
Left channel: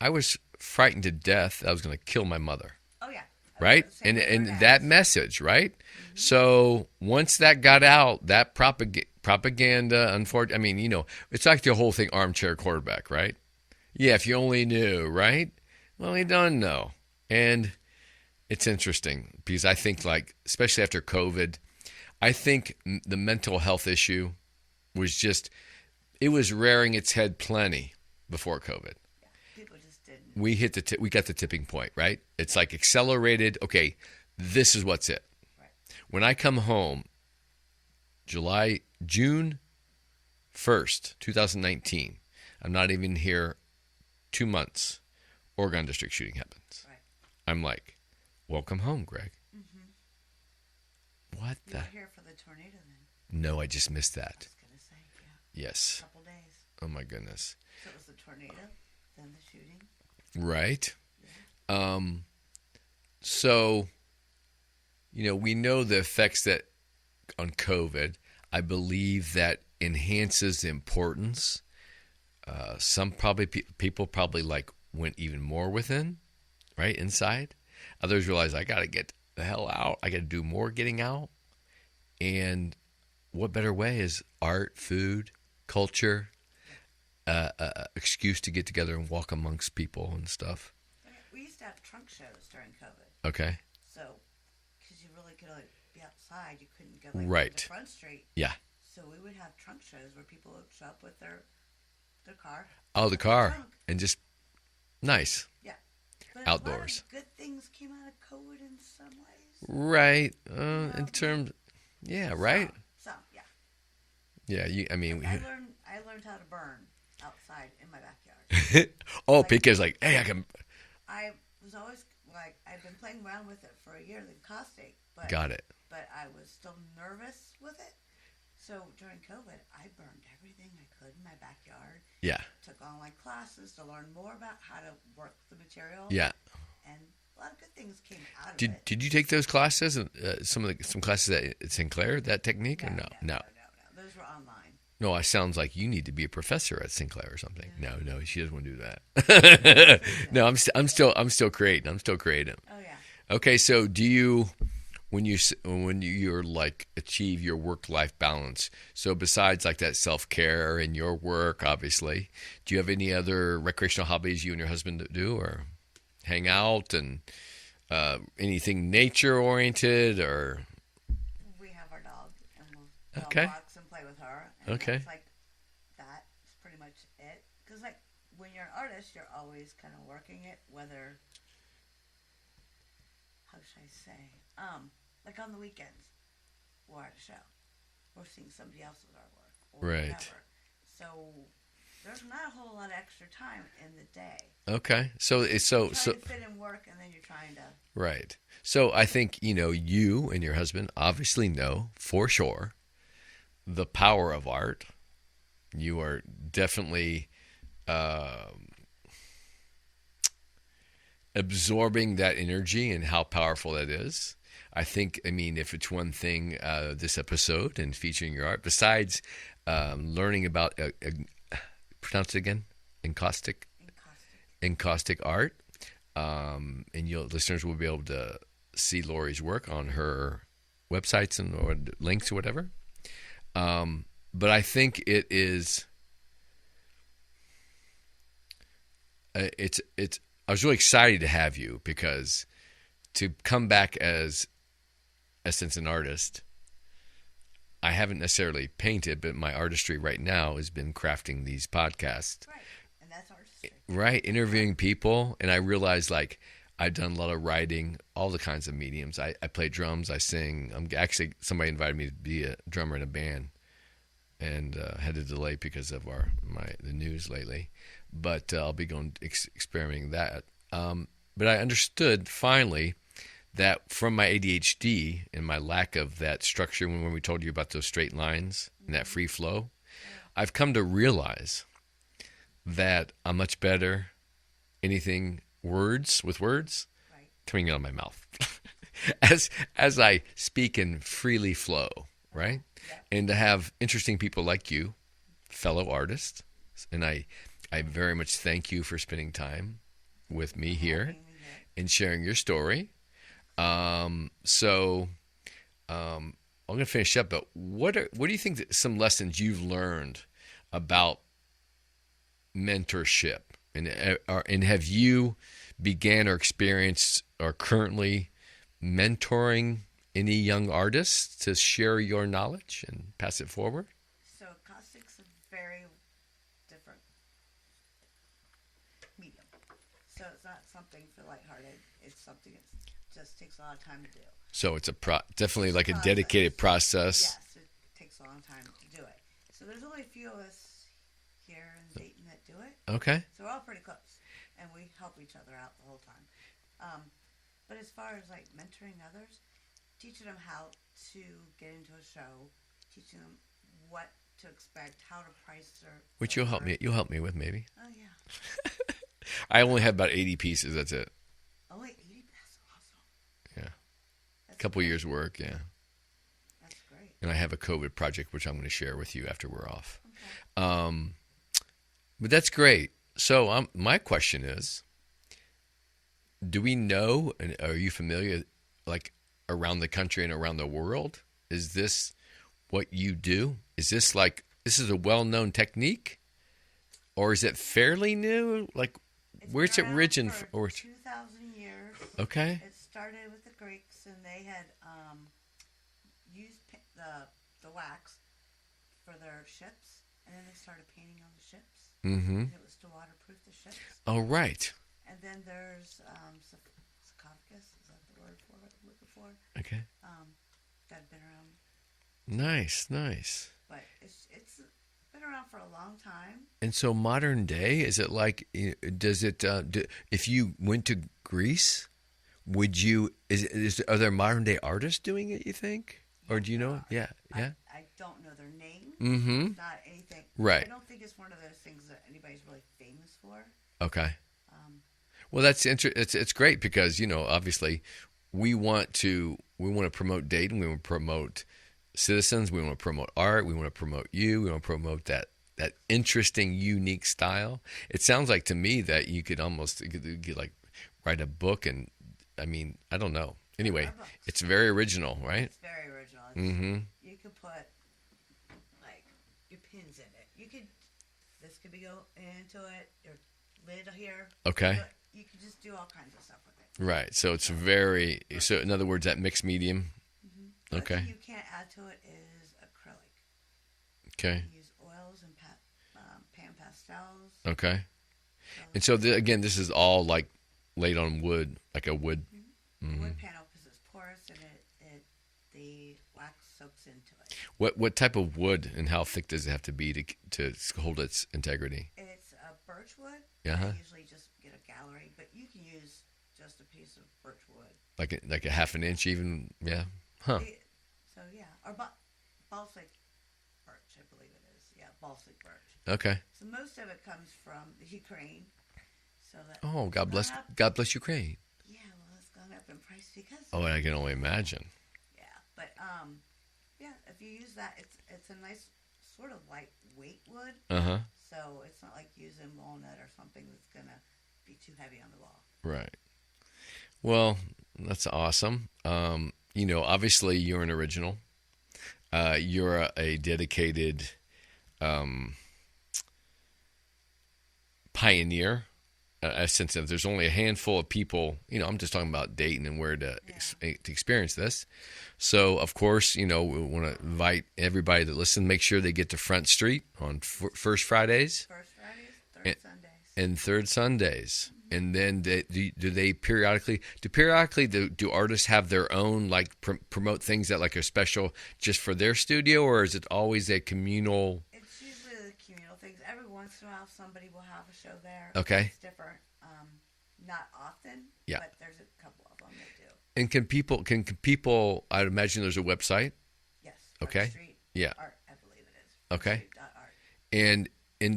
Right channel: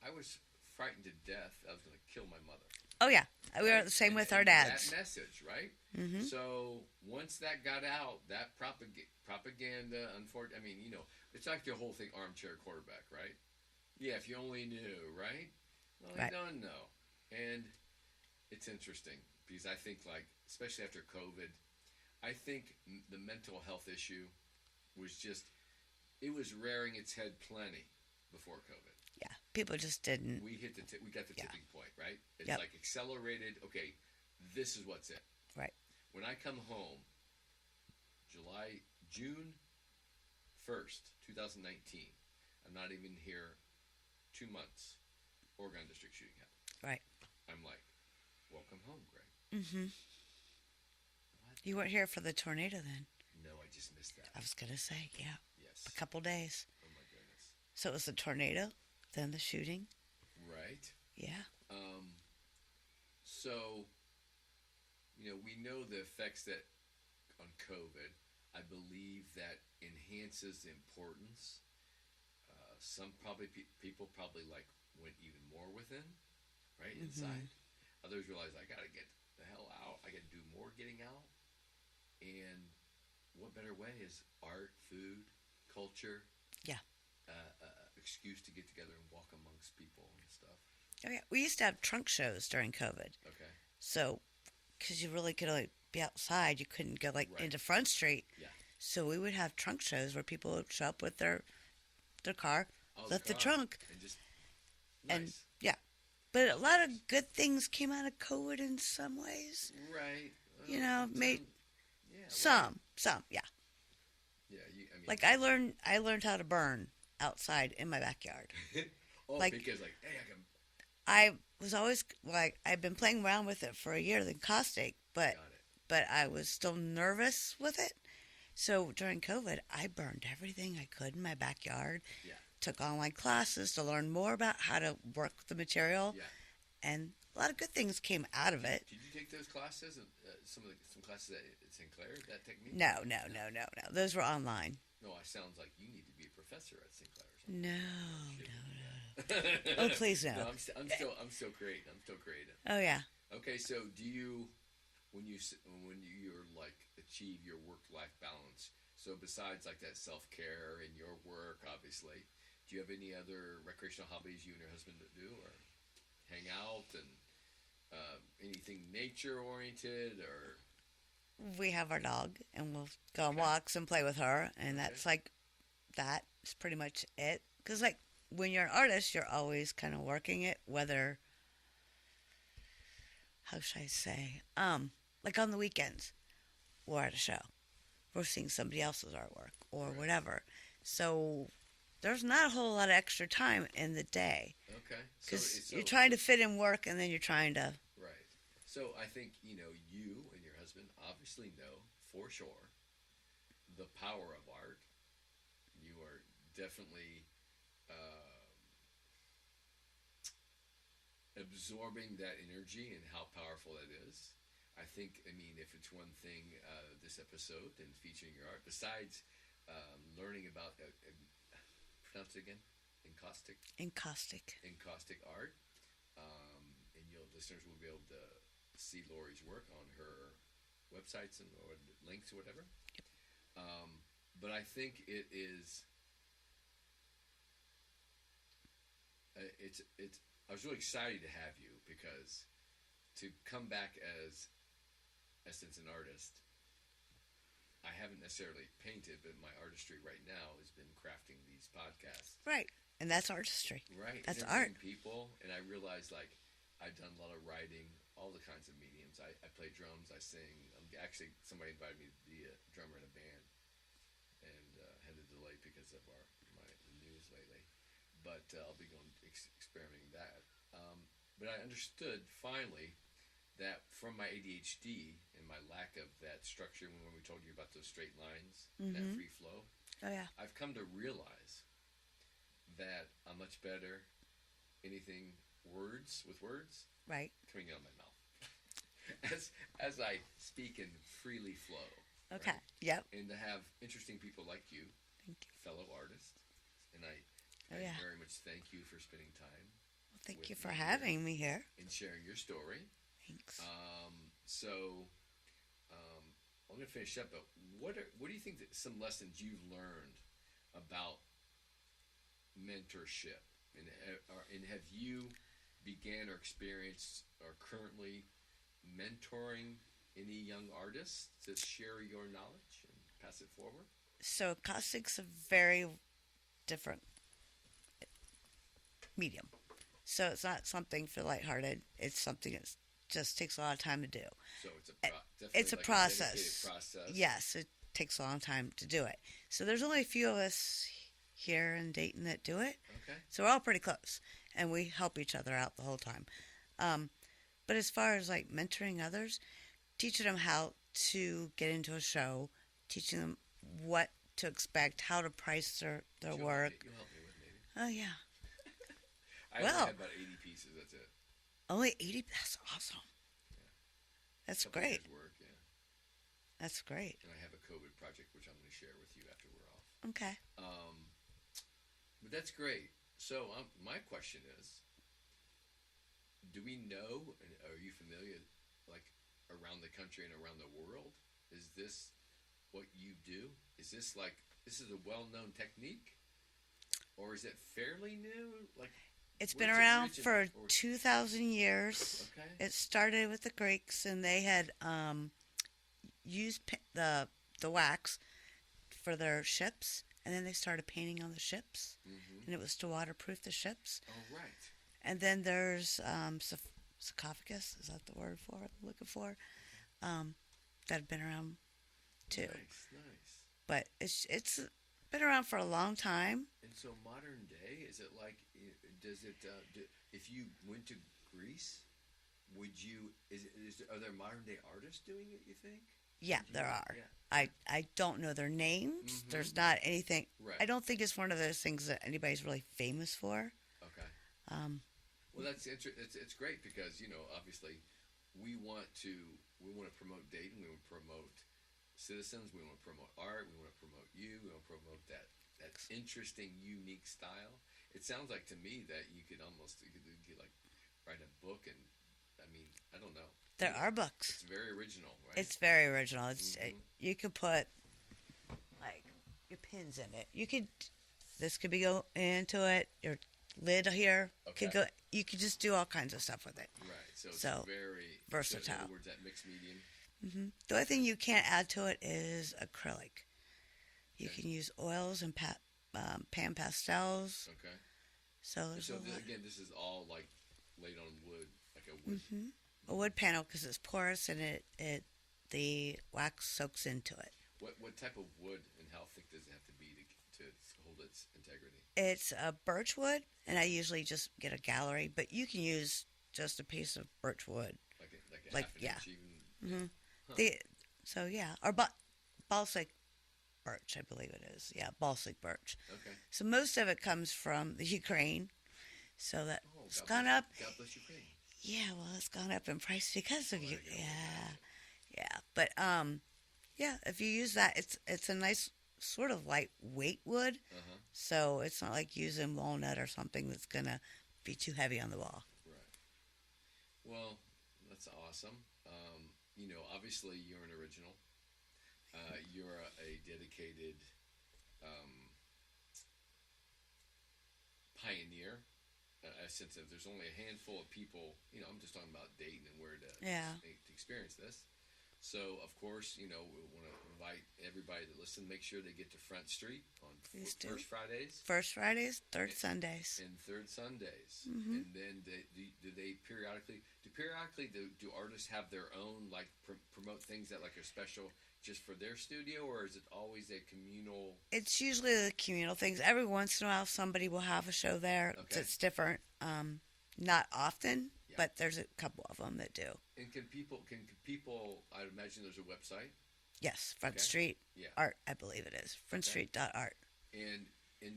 I was frightened to death that I was going to kill my mother. Oh, yeah. Right? Same with our And dads. that message, right? Mm-hmm. So once that got out, that propaganda, unfortunately, I mean, it's like the whole thing, armchair quarterback, right? Yeah, if you only knew, right? Well, you don't know. And it's interesting because I think, like, especially after COVID, I think the mental health issue was just, it was rearing its head plenty before COVID. Yeah, people just didn't. We got the tipping point, right? It's like accelerated. Okay, this is what's it. Right. When I come home, June 1st, 2019, I'm not even here 2 months, Oregon District shooting happens. Right. I'm like, welcome home, Greg. Mm-hmm. What? You weren't here for the tornado then. No, I just missed that. I was going to say, yeah. Yes. A couple days. Oh, my goodness. So it was the tornado, then the shooting. Right. Yeah. So, we know the effects that on COVID, I believe that enhances the importance. Some people probably like went even more within, right, inside. Others realize I got to get the hell out. I got to do more getting out. And what better way is art, food, culture, excuse to get together and walk amongst people and stuff. Oh, yeah. We used to have trunk shows during COVID. Okay. So, because you really could only be outside, you couldn't go like Right. into Front Street. Yeah. So we would have trunk shows where people would show up with their car. Oh, the lift car. trunk. And just nice. Yeah. But a lot Outdoors. of good things came out of COVID in some ways. Right. know, In terms, yeah, right. Some, yeah. Yeah, I mean, Like I learned how to burn outside in my backyard. because hey, I can. I was always like, I've been playing around with it for a year, the Encaustic, but Got it. But I was still nervous with it. So during COVID, I burned everything I could in my backyard. Yeah. Took online classes to learn more about how to work the material. Yeah. And a lot of good things came out of it. Did you take those classes? Some classes at Sinclair, that technique? No, or no. Those were online. No, it sounds like you need to be a professor at Sinclair or something. No, she doesn't want to do No, that. please don't. No, I'm still creating. I'm still creating. Oh yeah. Okay, so do you, when you're like achieve your work-life balance, so besides like that self-care and your work, obviously, do you have any other recreational hobbies you and your husband do, or hang out and anything nature-oriented, or? We have our dog, and we'll go Okay. on walks and play with her, and Okay. that's like, that's pretty much it. Because like when you're an artist, you're always kind of working it, whether, how should I say, like on the weekends, we're at a show, we're seeing somebody else's artwork or Right. whatever. So there's not a whole lot of extra time in the day. Okay, so You're trying to fit in work, and then you're trying to. right. So I think you and your husband obviously know for sure the power of art. You are definitely absorbing that energy and how powerful that is. I think, if it's one thing, this episode and featuring your art, besides learning about, pronounce it again, Encaustic art, and listeners will be able to see Lori's work on her websites or links or whatever. But I think it is. It's. I was really excited to have you because to come back as essence an artist. I haven't necessarily painted, but my artistry right now has been crafting these podcasts. Right, and that's artistry. Right, That's interviewing art. people, and I realized I've done a lot of writing, all the kinds of mediums. I play drums, I sing. Actually, somebody invited me to be a drummer in a band, and had a delay because of the news lately. But I'll be going experimenting that. But I understood finally that from my ADHD and my lack of that structure, when we told you about those straight lines and that free flow, I've come to realize that I'm much better anything with words Right. coming out of my mouth as I speak and freely flow, right? Yep. And to have interesting people like you, fellow artists, and I very much thank you for spending time with me here and sharing your story. So I'm going to finish up, but what do you think that some lessons you've learned about mentorship, and have you began or experienced or currently mentoring any young artists to share your knowledge and pass it forward? So Encaustic's a very different medium. So it's not something for lighthearted. It's something that just takes a lot of time to do. So it's definitely it's like a process. dedicated process. Yes, it takes a long time to do it. So there's only a few of us here in Dayton that do it. Okay. So we're all pretty close, and we help each other out the whole time. But as far as like mentoring others, teaching them how to get into a show, teaching them what to expect, how to price their Which their you'll work. help me with maybe. Oh yeah. I only have about 80 pieces. That's it. Only 80. That's awesome. Yeah. That's A couple great. years work. Yeah. That's great. And I have a COVID project which I'm going to share with you after we're off. Okay. But that's great. So my question is, do we know, and are you familiar, like around the country and around the world, is this what you do? Is this a well-known technique, or is it fairly new? Like, It's where's been it around originated? for 2,000 years. Okay. It started with the Greeks, and they had used the wax for their ships, and then they started painting on the ships, and it was to waterproof the ships. Oh, right. And then there's sarcophagus. Is that the word for it I'm looking for? Okay. That have been around too. Nice. But it's been around for a long time. And so modern day, is it like, does it, if you went to Greece, would you, are there modern day artists doing it, you think? Yeah, or do you there know? are. Yeah. I don't know their names. Mm-hmm. There's not anything. Right. I don't think it's one of those things that anybody's really famous for. Okay. Well, that's it's great because, obviously we want to promote Dayton. We want to promote citizens. We want to promote art. We want to promote you. We want to promote that interesting, unique style. It sounds like to me that you could almost like write a book, and I mean, I don't know. Anyway, there are books. It's very original, right? It's very original. Mm-hmm. You could put like your pins in it. This could be go into it. Your lid here. Okay. You could just do all kinds of stuff with it. Right. So it's very so in other words, that mixed medium. Mm-hmm. The only thing you can't add to it is acrylic. Okay. You can use oils and pan pastels. Okay. And so again, this is all like laid on wood, like a wood. Mm-hmm. A wood panel because it's porous and the wax soaks into it. What type of wood and how thick does it have to be to hold its integrity? It's a birch wood, and I usually just get a gallery, but you can use just a piece of birch wood, like a half an inch even. Yeah. Huh. Or balsamic birch, I believe it is. Yeah, balsamic birch. Okay. So most of it comes from the Ukraine. So that God bless Ukraine. Yeah, well, it's gone up in price because of I can only imagine. Yeah, but if you use that, it's a nice sort of lightweight wood. So it's not like using walnut or something that's gonna be too heavy on the wall. Right. Well, that's awesome. Obviously you're an original. You're a dedicated pioneer. A sense of there's only a handful of people, I'm just talking about Dayton and where to experience this. So, of course, we want to invite everybody that listen, make sure they get to Front Street on First Fridays. First Fridays, third Sundays. And third Sundays. Mm-hmm. And then do they periodically, do artists have their own, like, promote things that, like, are special just for their studio, or is it always a communal? It's usually the communal things. Every once in a while, somebody will have a show there. Okay. It's different. Not often, Yeah. but there's a couple of them that do. And can people, I'd imagine there's a website. Yes, Front Okay. Street Yeah. Art, I believe it is. Okay. FrontStreet.art. And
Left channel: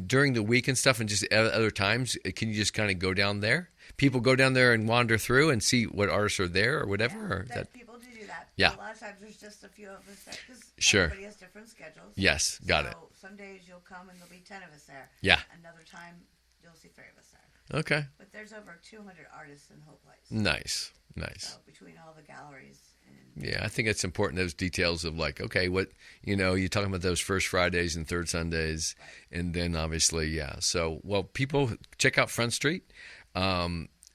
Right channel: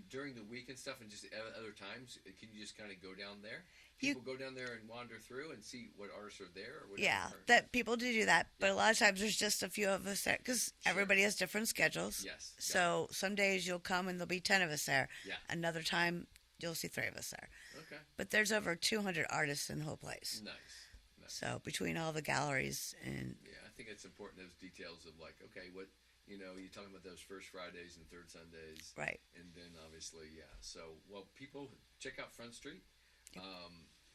during the week and stuff and just other times, can you just kind of go down there? People go down there and wander through and see what artists are there or whatever? Yeah, people do that. Yeah. But a lot of times there's just a few of us there because Sure. everybody has different schedules. Yes, got it. So some days you'll come and there'll be 10 of us there. Yeah. Another time you'll see 3 of us there. Okay. But there's over 200 artists in the whole place. Nice. So between all the galleries and Yeah, I think it's important, those details of like, okay, what, you're talking about those first Fridays and third Sundays. Right. And then obviously, yeah. So, well, people check out Front Street.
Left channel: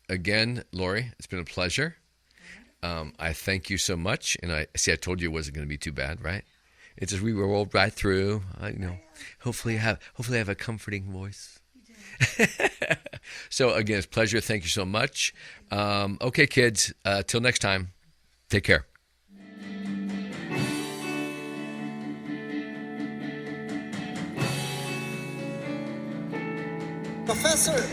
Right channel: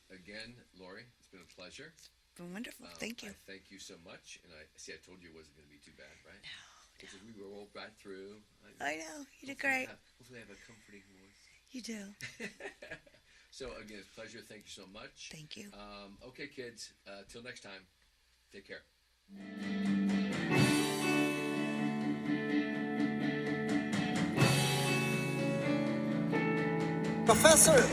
Again, Lori, it's been a pleasure. wonderful. Thank you. I thank you so much. And I told you it wasn't going to be too bad, right? It's just we rolled right through. I know. Hopefully I have a comforting voice. You do. So again, it's a pleasure. Thank you so much. Thank you. Okay, kids. Till next time. Take care. Professor!